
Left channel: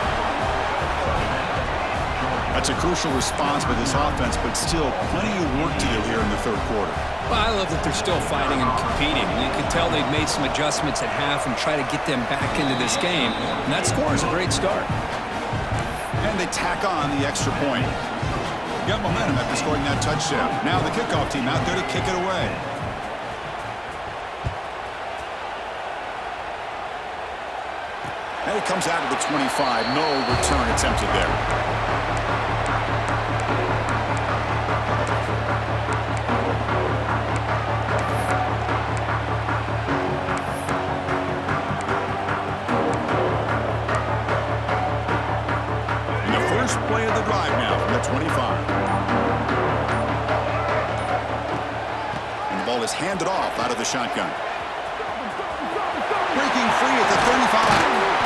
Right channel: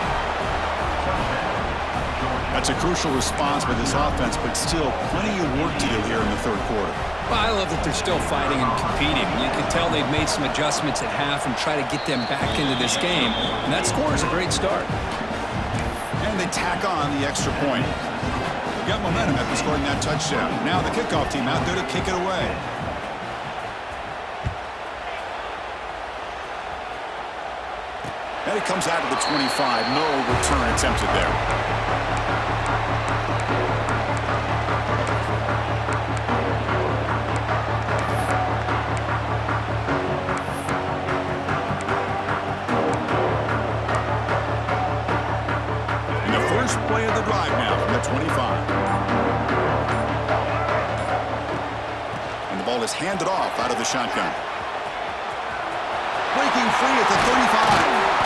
That's a crucial response by this offense, but still plenty of work to do here in the 3rd quarter. Well, I love that they're still fighting and competing. You can tell they've made some adjustments at half and try to get them back into this game. And that score is a great start. And they tack on the extra point. Got momentum after scoring that touchdown. Now the kickoff team out there to kick it away. And it comes out of the 25. No return attempted there. And the first play of the drive now from the 25. And the ball is handed off out of the shotgun. Breaking free at the 35.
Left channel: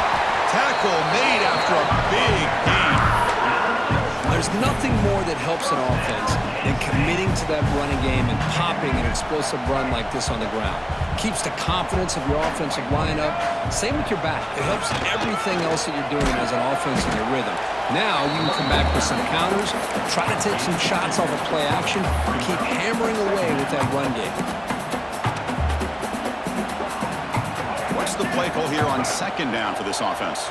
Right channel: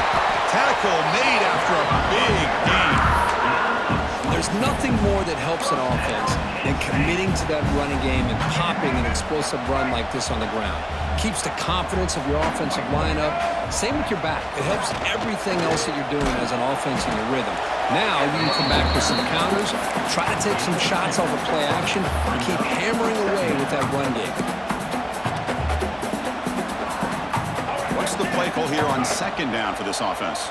Tackle made after a big gain. There's nothing more that helps an offense than committing to that running game and popping an explosive run like this on the ground. Keeps the confidence of your offensive line up. Same with your back. It helps everything else that you're doing as an offense in your rhythm. Now you can come back with some counters, try to take some shots off of play action, and keep hammering away with that run game. What's the play call here on second down for this offense?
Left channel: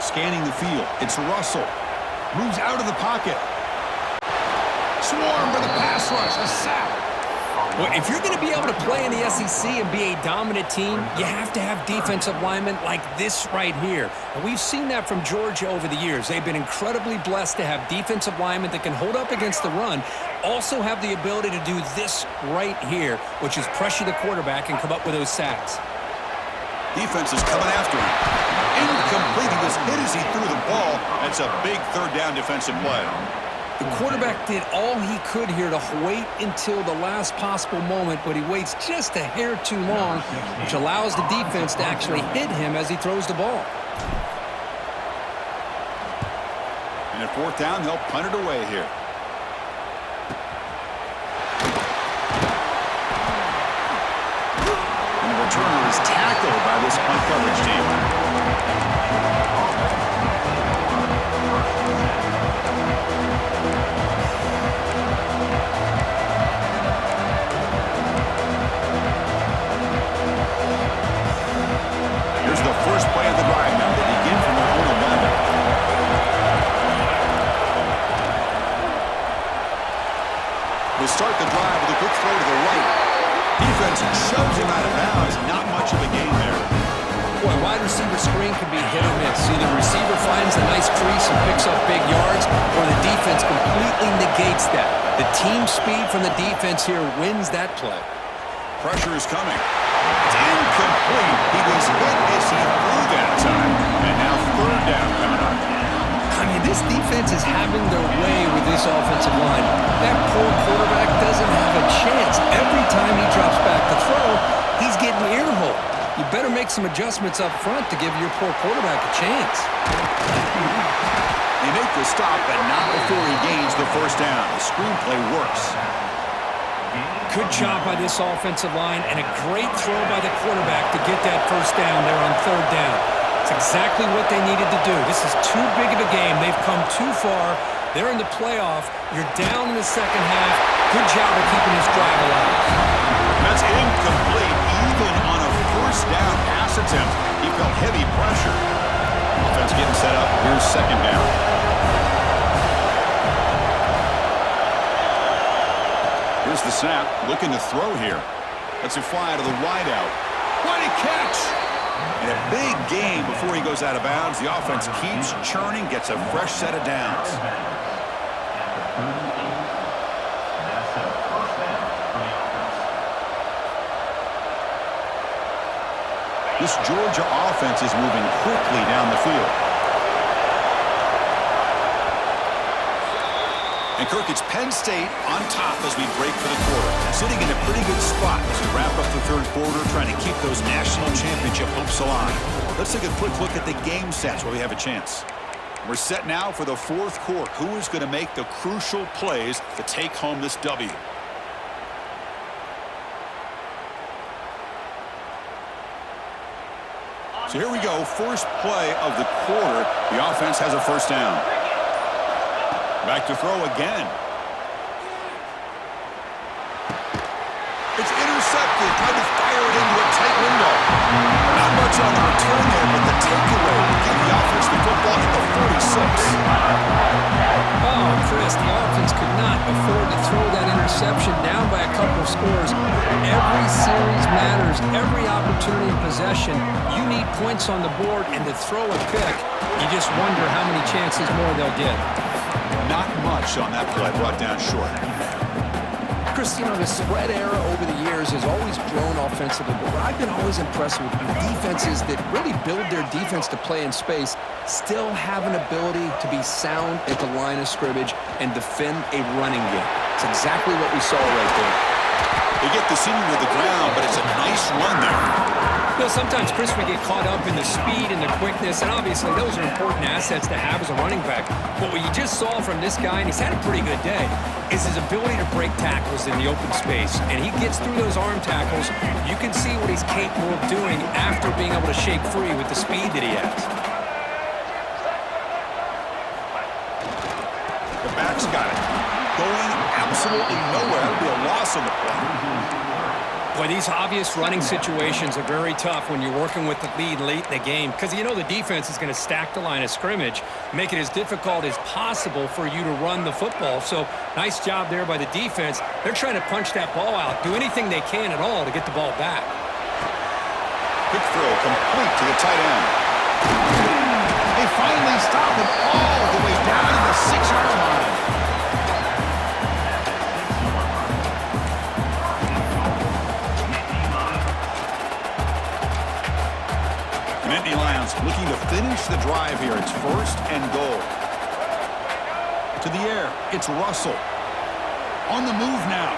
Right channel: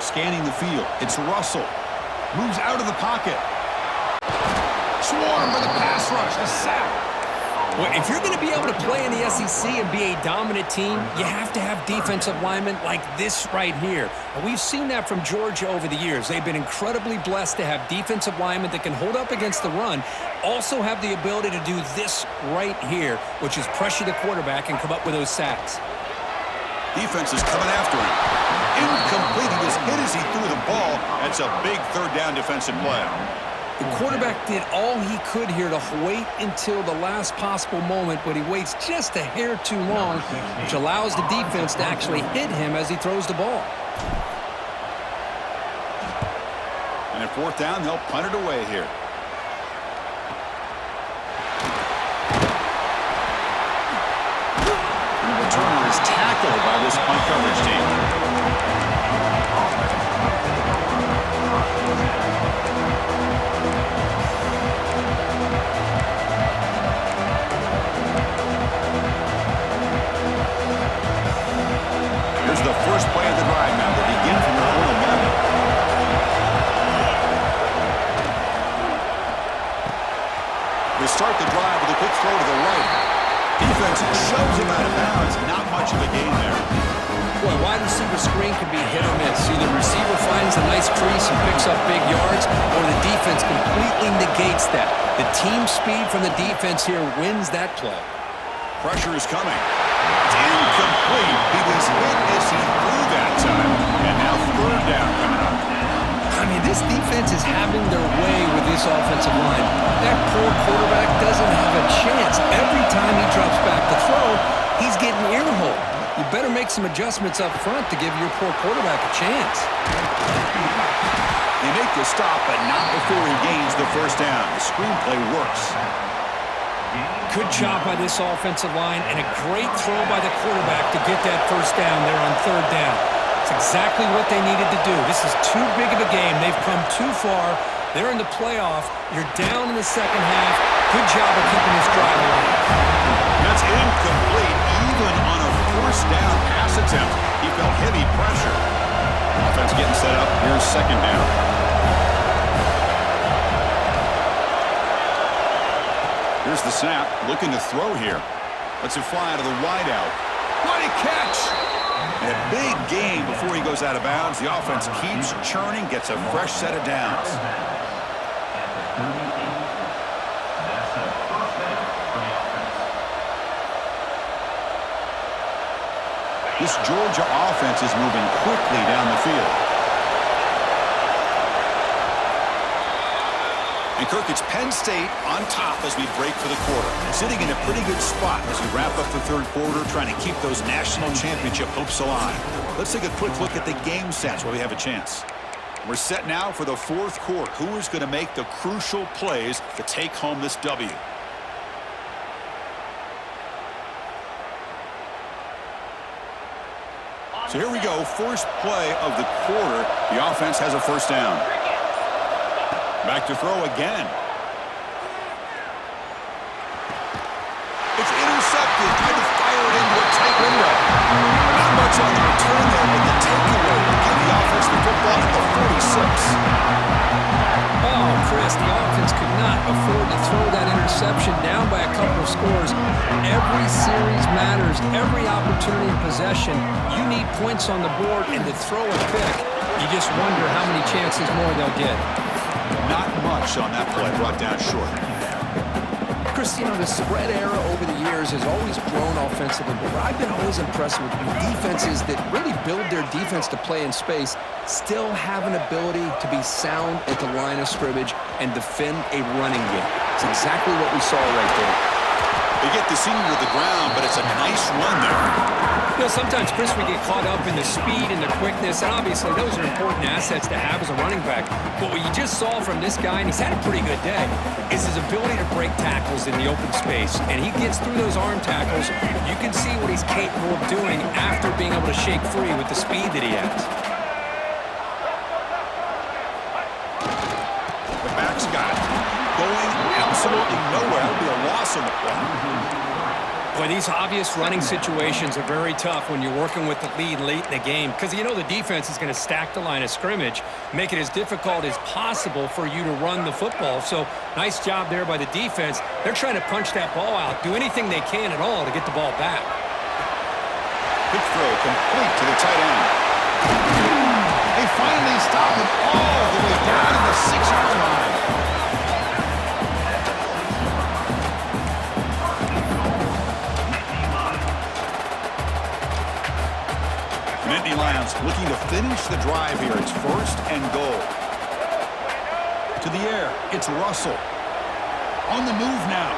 Scanning the field. It's Russell. Moves out of the pocket. Swarm for the pass rush. A sack. Well, if you're going to be able to play in the SEC and be a dominant team, you have to have defensive linemen like this right here. And we've seen that from Georgia over the years. They've been incredibly blessed to have defensive linemen that can hold up against the run, also have the ability to do this right here, which is pressure the quarterback and come up with those sacks. Defense is coming after him. Incomplete. He was hit as he threw the ball. That's a big 3rd down defensive play. The quarterback did all he could here to wait until the last possible moment, but he waits just a hair too long, which allows the defense to actually hit him as he throws the ball. And at 4th down, they'll punt it away here. gets tackled by this punt coverage team. Here's the first play of the drive now. They begin from their own 11. They start the drive with a quick throw to the right. Defense shoves him out of bounds. Not much of a gain there. Boy, wide receiver screen can be hit or miss. Either receiver finds a nice crease and picks up big yards, or the defense completely negates that. The team speed from the defense here wins that play. Pressure is coming. It's incomplete. He was hit as he threw that time. And now third down coming up. I mean, this defense is having their way with this offensive line. That poor quarterback doesn't have a chance. Every time he drops back to throw, he's getting earholed. You better make some adjustments up front to give your poor quarterback a chance. They make the stop, but not before he gains the first down. The screenplay works. Good job by this offensive line, and a great throw by the quarterback to get that first down there on third down. It's exactly what they needed to do. This is too big of a game. They've come too far. They're in the playoff. You're down in the second half. Good job of keeping this drive alive. That's incomplete. Even on a first down pass attempt, he felt heavy pressure. Offense getting set up. Here's second down. Here's the snap. Looking to throw here. Lets it fly out of the wideout. What a catch! And a big gain before he goes out of bounds. The offense keeps churning, gets a fresh set of downs. At the 38. That's a first down for the offense. This Georgia offense is moving quickly down the field. And Kirk, it's Penn State on top as we break for the quarter. Sitting in a pretty good spot as we wrap up the third quarter, trying to keep those national championship hopes alive. Let's take a quick look at the game stats while we have a chance. We're set now for the fourth quarter. Who is going to make the crucial plays to take home this W? So here we go, first play of the quarter. The offense has a first down. Back to throw again. It's intercepted. Tried to fire it into a tight window. Not much on the return there, but the takeaway will give the offense the football at the 46. Oh, Chris, the offense could not afford to throw that interception down by a couple of scores. Every series matters. Every opportunity and possession, you need points on the board, and to throw a pick, you just wonder how many chances more they'll get. Not much on that play, brought down short. Chris, you know, the spread era over the years has always grown offensively, but what I've been always impressed with defenses that really build their defense to play in space still have an ability to be sound at the line of scrimmage and defend a running game. It's exactly what we saw right there. They get the senior to the ground, but it's a nice run there. You know, sometimes, Chris, we get caught up in the speed and the quickness, and obviously those are important assets to have as a running back. But what you just saw from this guy, and he's had a pretty good day, is his ability to break tackles in the open space. And he gets through those arm tackles. You can see what he's capable of doing after being able to shake free with the speed that he has. The back's got it. Going absolutely nowhere. That would be a loss on the play. Boy, these obvious running situations are very tough when you're working with the lead late in the game because you know the defense is going to stack the line of scrimmage, make it as difficult as possible for you to run the football. So nice job there by the defense. They're trying to punch that ball out, do anything they can at all to get the ball back. Quick throw complete to the tight end. They finally stop him all the way down to the 6-yard line. Nittany Lions looking to finish the drive here. It's first and goal. To the air, it's Russell. On the move now.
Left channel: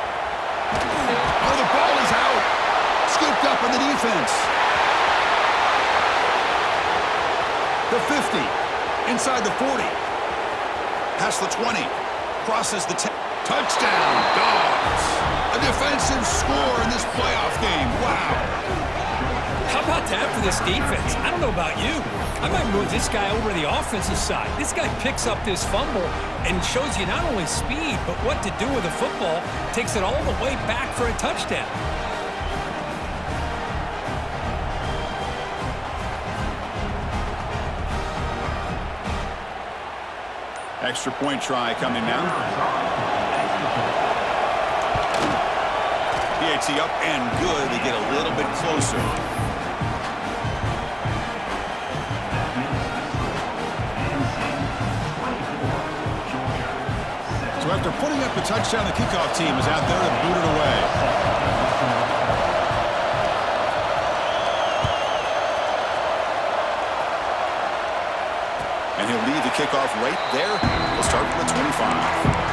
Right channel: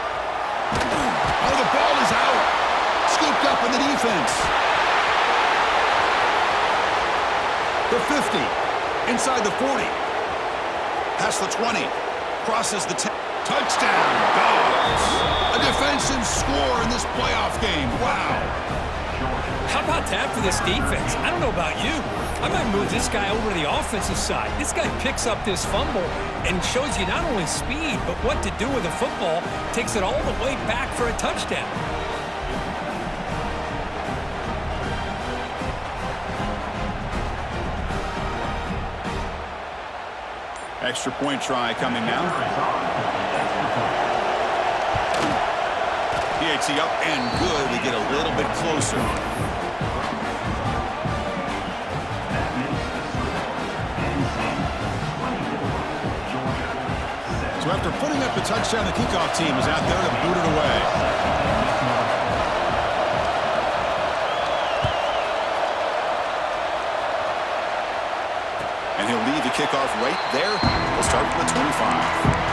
Oh, the ball is out. Scooped up on the defense. The 50. Inside the 40. Past the 20. Crosses the 10. Touchdown, Dogs. A defensive score in this playoff game. Wow. How about that for this defense? I don't know about you. I might move this guy over to the offensive side. This guy picks up this fumble and shows you not only speed, but what to do with the football. Takes it all the way back for a touchdown. Extra point try coming now. PAT up and good. They get a little bit closer. That makes the score. NC 24, Georgia 7. So after putting up the touchdown, the kickoff team is out there to boot it away. And he'll leave the kickoff right there. He'll start from the 25.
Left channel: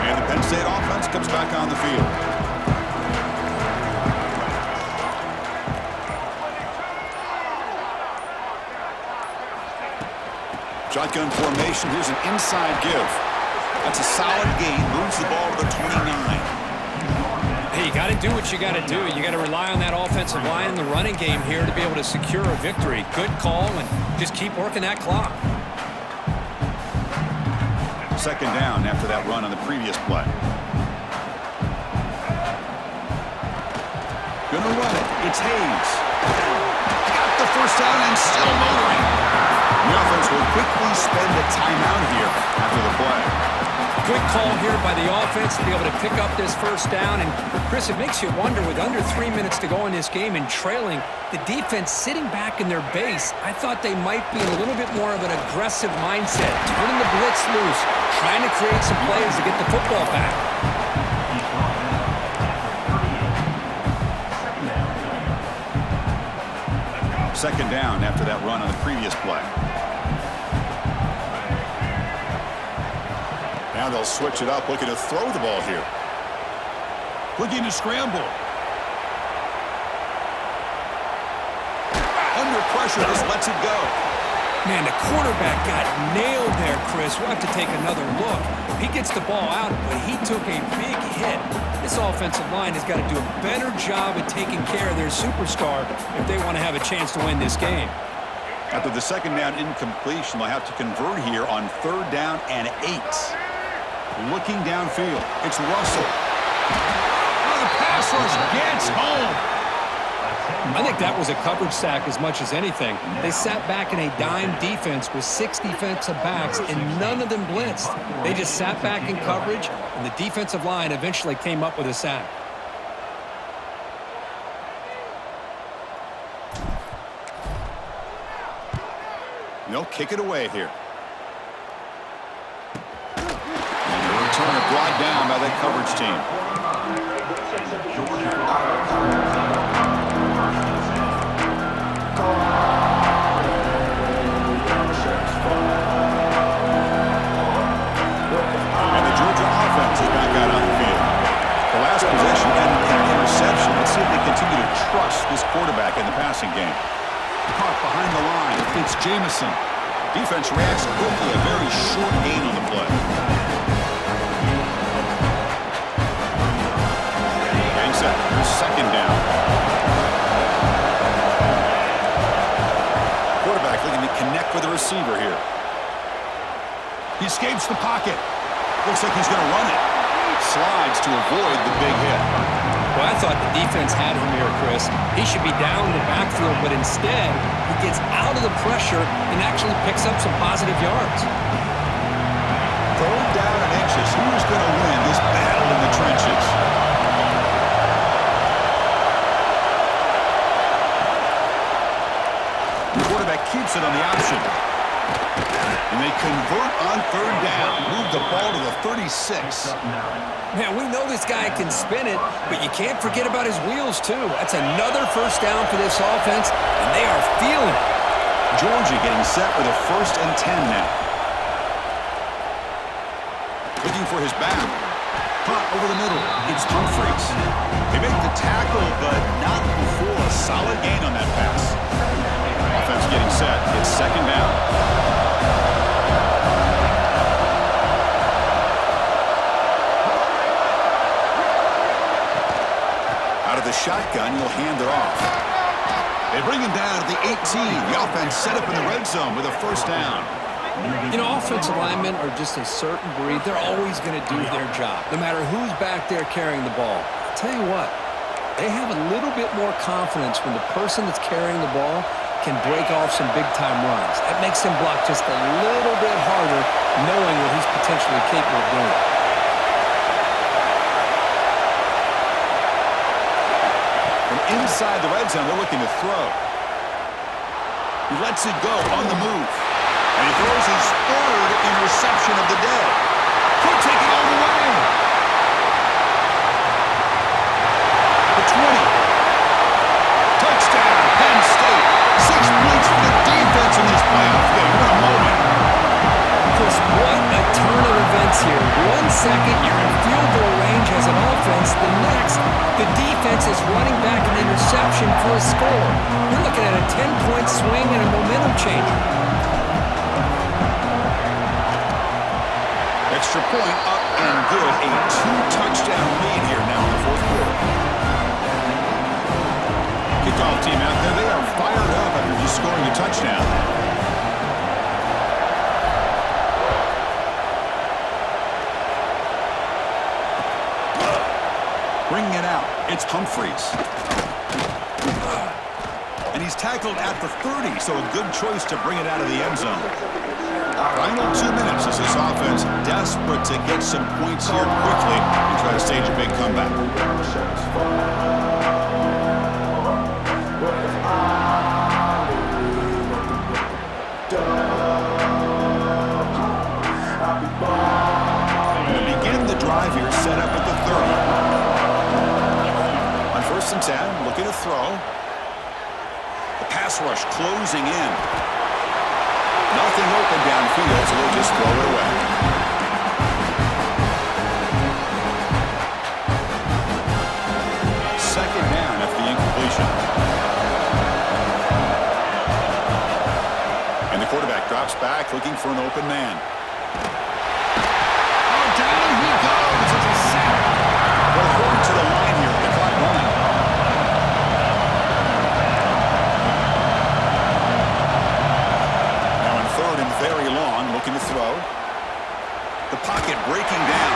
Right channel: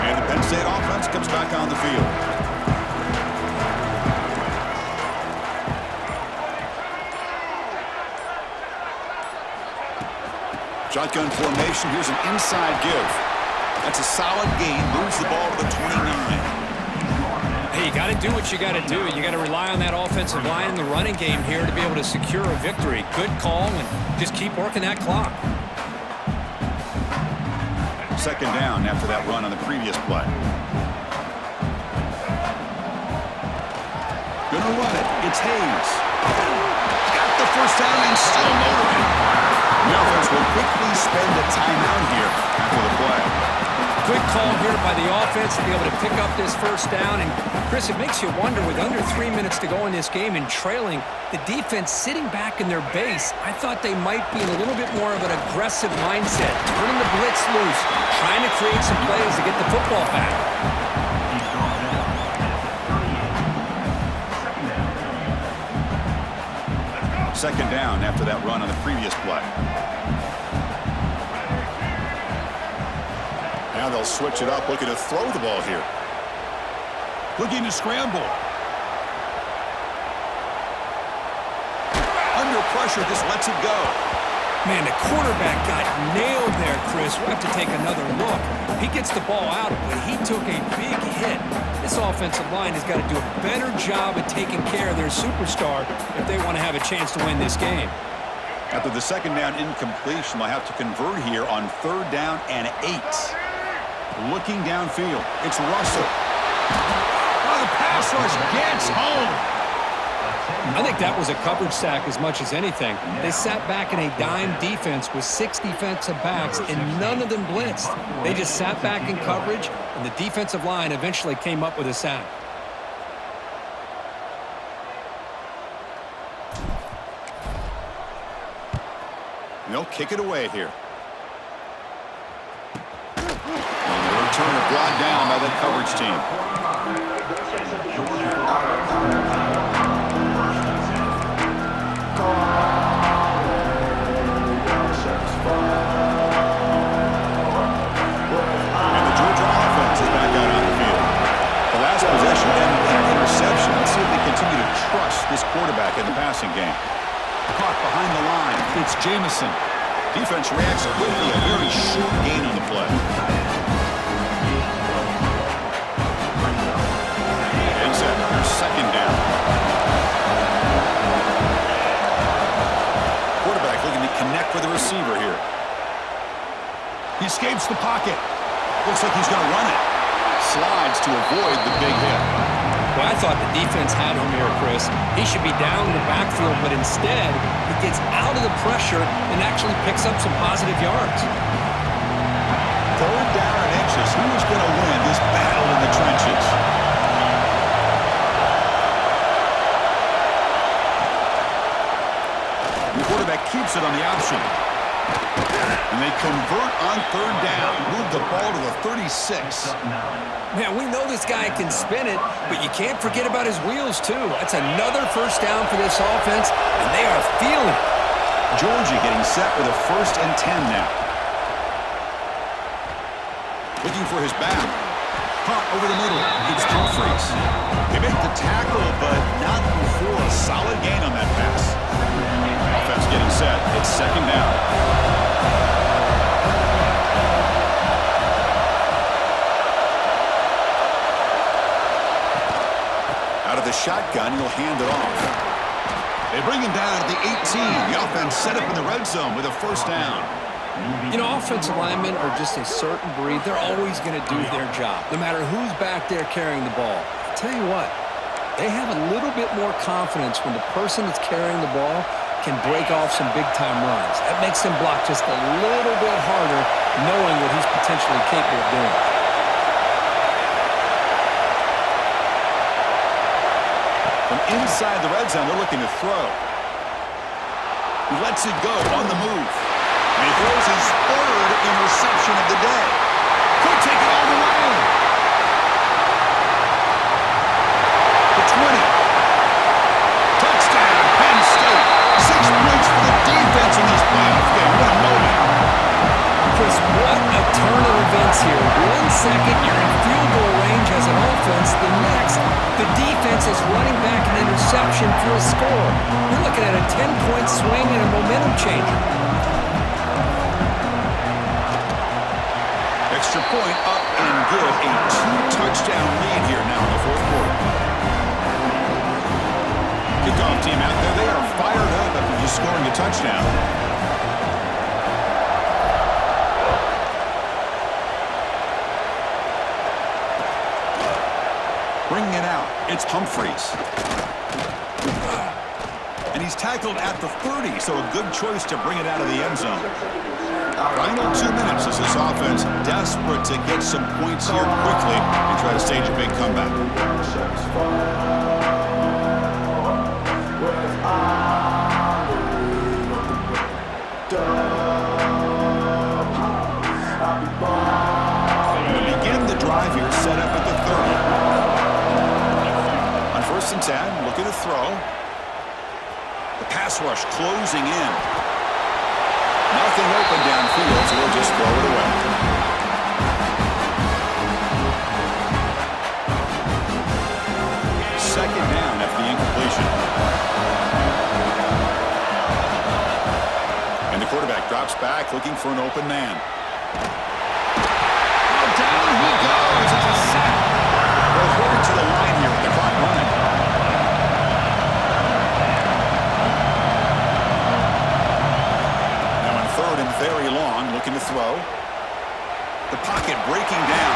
And the Penn State offense comes back on the field. Shotgun formation. Here's an inside give. That's a solid gain. Moves the ball to the 29. Hey, you got to do what you got to do. You got to rely on that offensive line in the running game here to be able to secure a victory. Good call, and just keep working that clock. Second down after that run on the previous play. Gonna run it. It's Hayes. Got the first down and still motoring. The offense will quickly spend a timeout here after the play. Good call here by the offense to be able to pick up this first down. And, Chris, it makes you wonder, with under 3 minutes to go in this game and trailing, the defense sitting back in their base, I thought they might be in a little bit more of an aggressive mindset, turning the blitz loose, trying to create some plays to get the football back. He's brought down at the 38. Second down coming up. Second down after that run on the previous play. Now they'll switch it up, looking to throw the ball here. Looking to scramble. Under pressure, just lets it go. Man, the quarterback got nailed there, Chris. We'll have to take another look. He gets the ball out, but he took a big hit. This offensive line has got to do a better job of taking care of their superstar if they want to have a chance to win this game. After the second down incompletion, they'll have to convert here on third down and 8. Looking downfield, it's Russell. Oh, the pass rush gets home. I think that was a coverage sack as much as anything. They sat back in a dime defense with 6 defensive backs, and none of them blitzed. They just sat back in coverage, and the defensive line eventually came up with a sack. And they'll kick it away here. And the returner brought down by that coverage team. And the Georgia offense is back out on the field. The last possession ended in an interception. Let's see if they continue to trust this quarterback in the passing game. Caught behind the line. It's Jamison. Defense reacts quickly. A very short gain on the play. Getting set. Here's second down. Quarterback looking to connect with the receiver here. He escapes the pocket. Looks like he's going to run it. Slides to avoid the big hit. Well, I thought the defense had him here, Chris. He should be down in the backfield, but instead, he gets out of the pressure and actually picks up some positive yards. Third down and inches. Who is going to win this battle in the trenches? The quarterback keeps it on the option. And they convert on third down. Move the ball to the 36. Man, we know this guy can spin it, but you can't forget about his wheels, too. That's another first down for this offense, and they are feeling it. Georgia getting set with a 1st and 10 now. Looking for his back. Caught over the middle. It's Humphries. They make the tackle, but not before a solid gain on that pass. Offense getting set. It's second down. Out of the shotgun, he'll hand it off. They bring him down at the 18. The offense set up in the red zone with a first down. You know, offensive linemen are just a certain breed. They're always going to do their job, no matter who's back there carrying the ball. I'll tell you what, they have a little bit more confidence when the person that's carrying the ball can break off some big-time runs. That makes him block just a little bit harder, knowing what he's potentially capable of doing. From inside the red zone, they're looking to throw. He lets it go on the move. And he throws his third interception of the day. Could take it all the way. The 20. Touchdown, Penn State. 6 points for the defense in this playoff game. What a moment. Chris, what a turn of events here. 1 second, you're in field goal range as an offense. The next, the defense is running back an interception for a score. You're looking at a 10-point swing and a momentum changer. Extra point up and good. A 2-touchdown lead here now in the fourth quarter. Kickoff team out there. They are fired up after just scoring a touchdown. Bringing it out. It's Humphries. And he's tackled at the 30, so a good choice to bring it out of the end zone. Final 2 minutes as this offense desperate to get some points here quickly and try to stage a big comeback. To begin the drive here, set up at the 30. On 1st and 10, looking to throw. The pass rush closing in. Nothing open downfield, so we'll just throw it away. Second down after the incompletion. And the quarterback drops back, looking for an open man. Oh, down he goes. It's a sack. They'll hurry to the line here with the clock running. Third and very long, looking to throw. The pocket breaking down.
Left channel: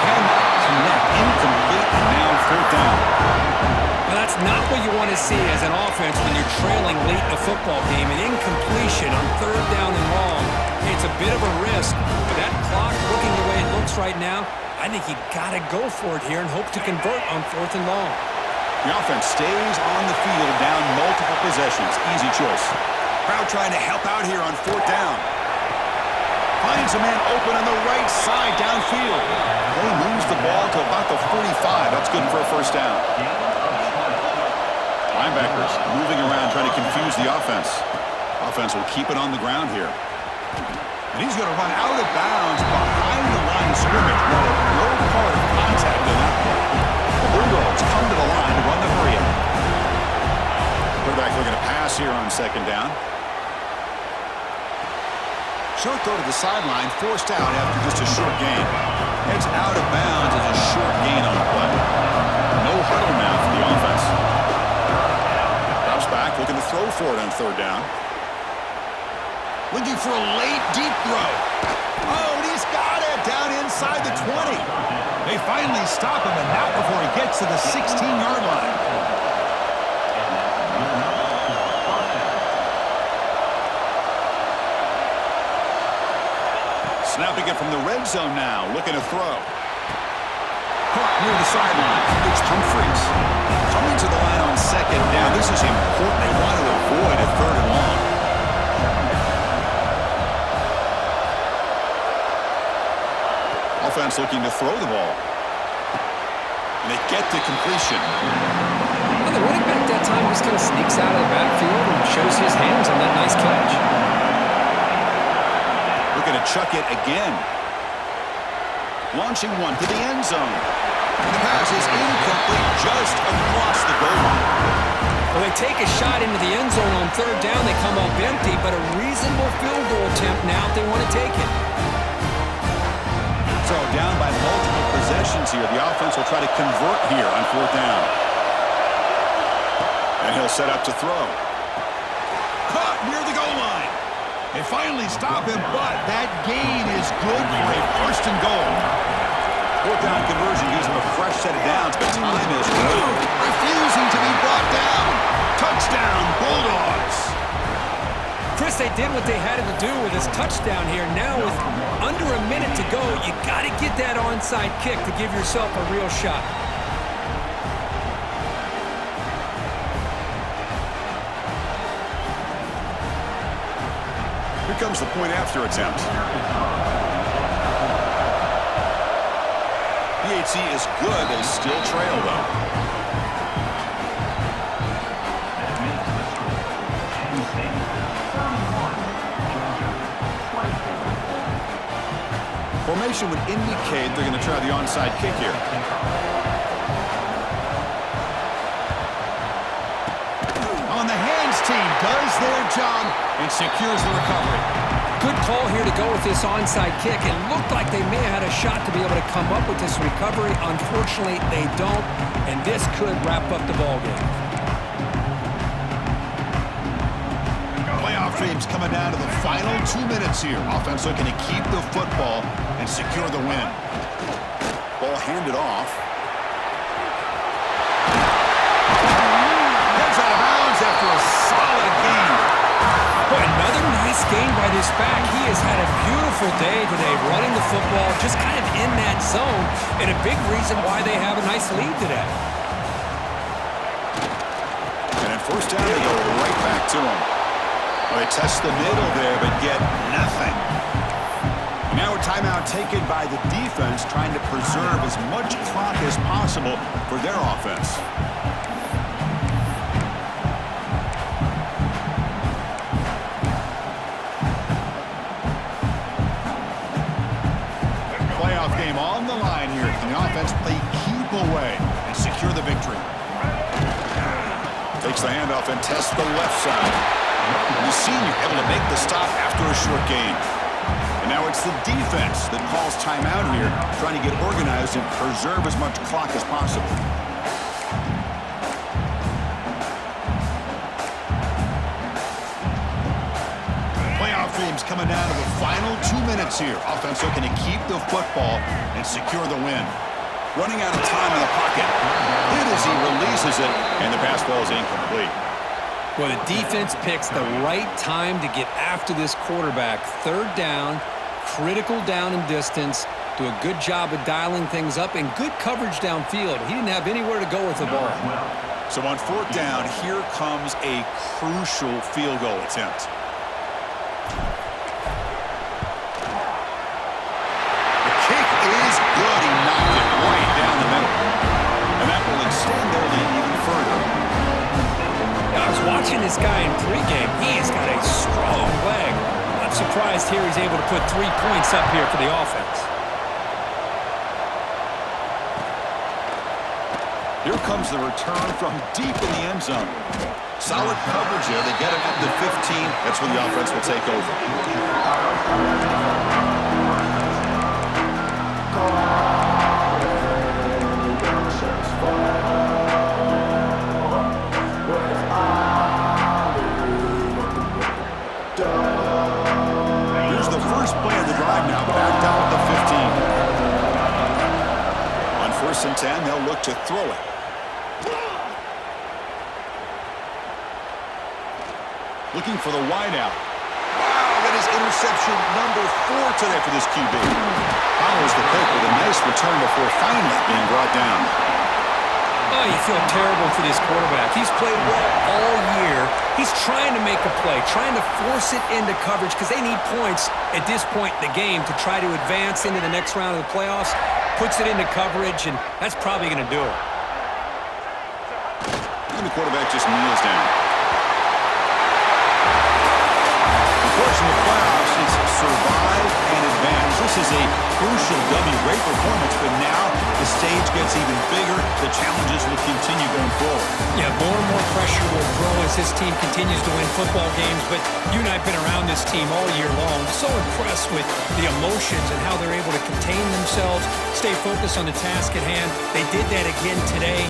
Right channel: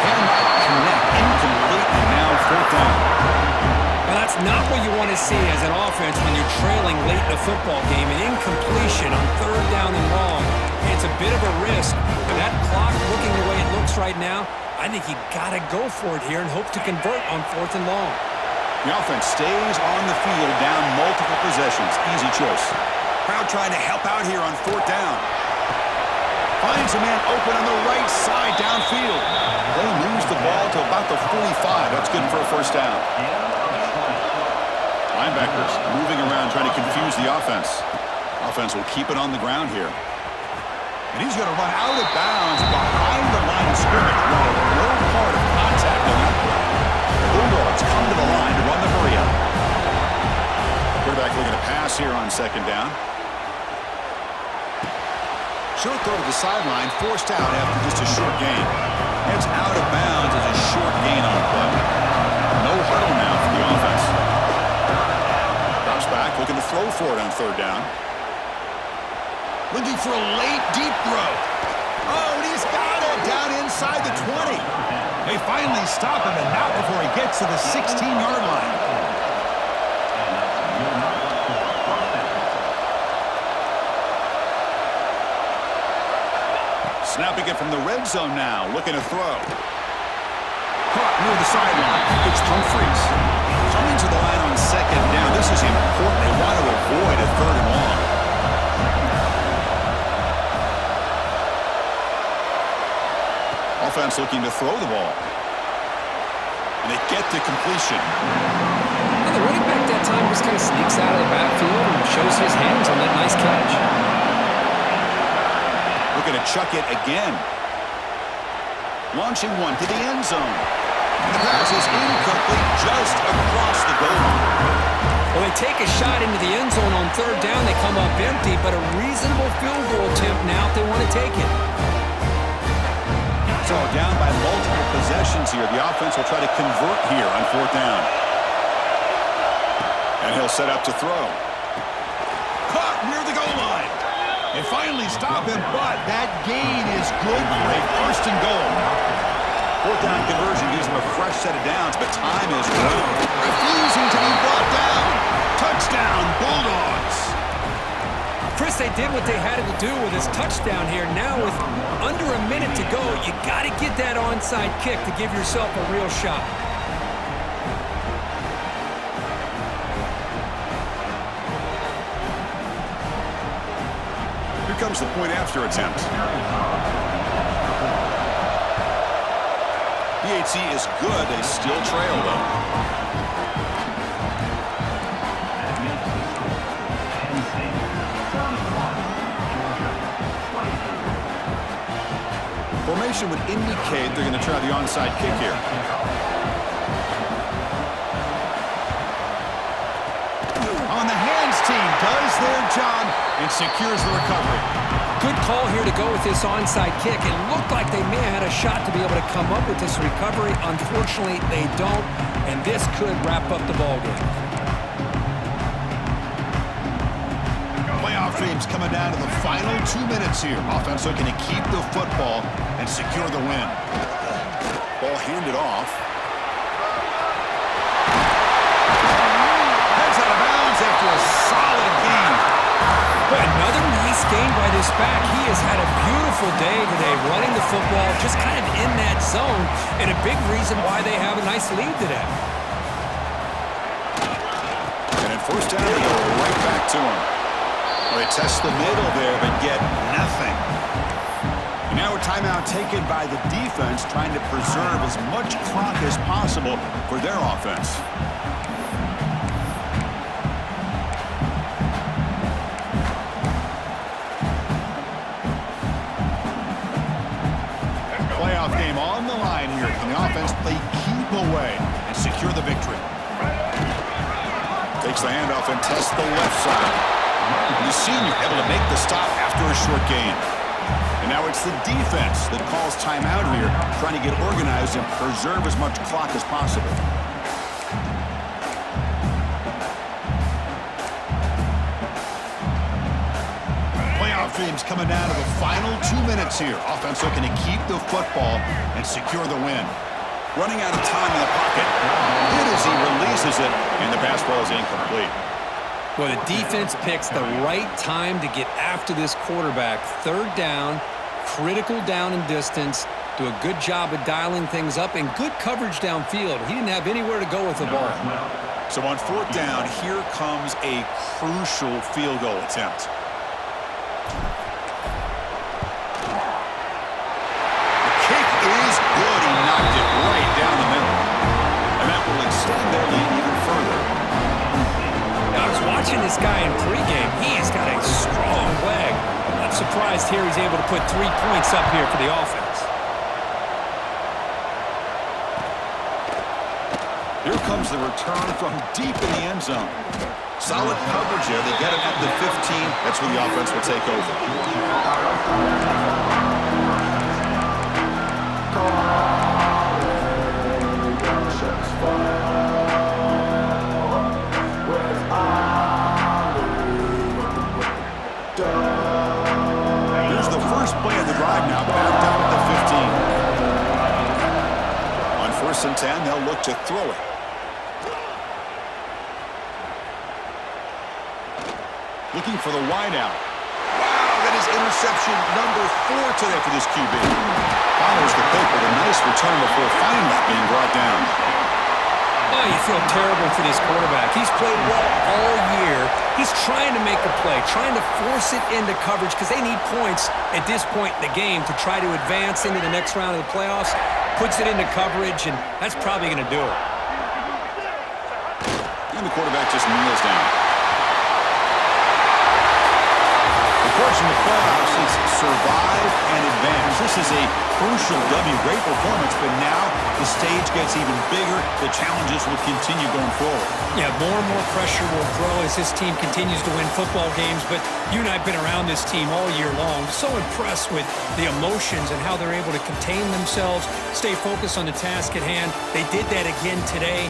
Cannot connect. Incomplete, and now 4th down. Well, that's not what you want to see as an offense when you're trailing late in a football game. An incompletion on 3rd down and long. It's a bit of a risk. With that clock looking the way it looks right now, I think you got to go for it here and hope to convert on 4th and long. The offense stays on the field, down multiple possessions. Easy choice. Crowd trying to help out here on 4th down. Finds a man open on the right side downfield. They moves the ball to about the 45. That's good for a 1st down. Linebackers moving around trying to confuse the offense. Offense will keep it on the ground here. And he's going to run out of bounds behind the line of scrimmage. Wanted no part of contact on that play. The Bulldogs come to the line to run the hurry up. Quarterback looking to pass here on 2nd down. Short throw to the sideline, forced out after just a short gain. Heads out of bounds as a short gain on the play. No huddle now for the offense. Drops back, looking to throw for it on 3rd down. Looking for a late, deep throw. Oh, and he's got it down inside the 20. They finally stop him, and not before he gets to the 16-yard line. Snapping it from the red zone now, looking to throw. Caught near the sideline. It's Humphries. Coming to the line on 2nd down. This is important. They want to avoid a 3rd and long. Offense looking to throw the ball. And they get the completion. Well, the running back that time just kind of sneaks out of the backfield and shows his hands on that nice catch. Looking to chuck it again. Launching one to the end zone. And the pass is incomplete just across the goal line. Well, they take a shot into the end zone on third down. They come up empty, but a reasonable field goal attempt now if they want to take it. So down by multiple possessions here. The offense will try to convert here on fourth down. And he'll set up to throw. Caught near the goal line. They finally stop him, but that gain is good for a first and goal. Fourth down conversion gives him a fresh set of downs, but time is refusing to be brought down. Touchdown, Bulldogs. Chris, they did what they had to do with his touchdown here. Now with under a minute to go, you got to get that onside kick to give yourself a real shot. Here comes the point after attempt. PAT is good. They still trail, though. That makes the score. Penn State 31, Georgia 24. Formation would indicate they're going to try the onside kick here. On the hands team does their job and secures the recovery. Good call here to go with this onside kick. It looked like they may have had a shot to be able to come up with this recovery. Unfortunately, they don't, and this could wrap up the ballgame. Playoff dreams coming down to the final 2 minutes here. Offense looking to keep the football and secure the win. Ball handed off. Heads out of bounds after a solid gain. Boy, another nice gain by this back. He has had a beautiful day today running the football, just kind of in that zone, and a big reason why they have a nice lead today. And at first down, they go right back to him. Well, they test the middle there, but get nothing. And now a timeout taken by the defense, trying to preserve as much clock as possible for their offense. Playoff game on the line here. Can the offense play keep away and secure the victory? Takes the handoff and tests the left side. The senior able to make the stop after a short gain. And now it's the defense that calls timeout here, trying to get organized and preserve as much clock as possible. Playoff dreams coming down to the final 2 minutes here. Offense looking to keep the football and secure the win. Running out of time in the pocket. Hit as he releases it, and the pass ball is incomplete. Well, the defense picks the right time to get after this quarterback. Third down, critical down and distance. Do a good job of dialing things up and good coverage downfield. He didn't have anywhere to go with the ball. So on fourth down, here comes a crucial field goal attempt. The kick is good. He knocked it right down the middle. And that will extend their lead even further. Now, I was watching this guy in pregame. He has got a strong leg. Not surprised here he's able to put 3 points up here for the offense. Here comes the return from deep in the end zone. Solid coverage there. They get him at the 15. That's when the offense will take over. Here's the first play of the drive now, backed up at the 15. On 1st and 10, they'll look to throw it. Looking for the wideout. Wow, that is interception number 4 today for this QB. Follows the pick with a nice return before finally being brought down. Oh, you feel terrible for this quarterback. He's played well all year. He's trying to make a play, trying to force it into coverage because they need points at this point in the game to try to advance into the next round of the playoffs. Puts it into coverage, and that's probably going to do it. And the quarterback just kneels down. The course, in the playoffs, it's survive and advance. This is a crucial W. Great performance, but now the stage gets even bigger. The challenges will continue going forward. Yeah, more and more pressure will grow as this team continues to win football games, but you and I have been around this team all year long. So impressed with the emotions and how they're able to contain themselves, stay focused on the task at hand. They did that again today.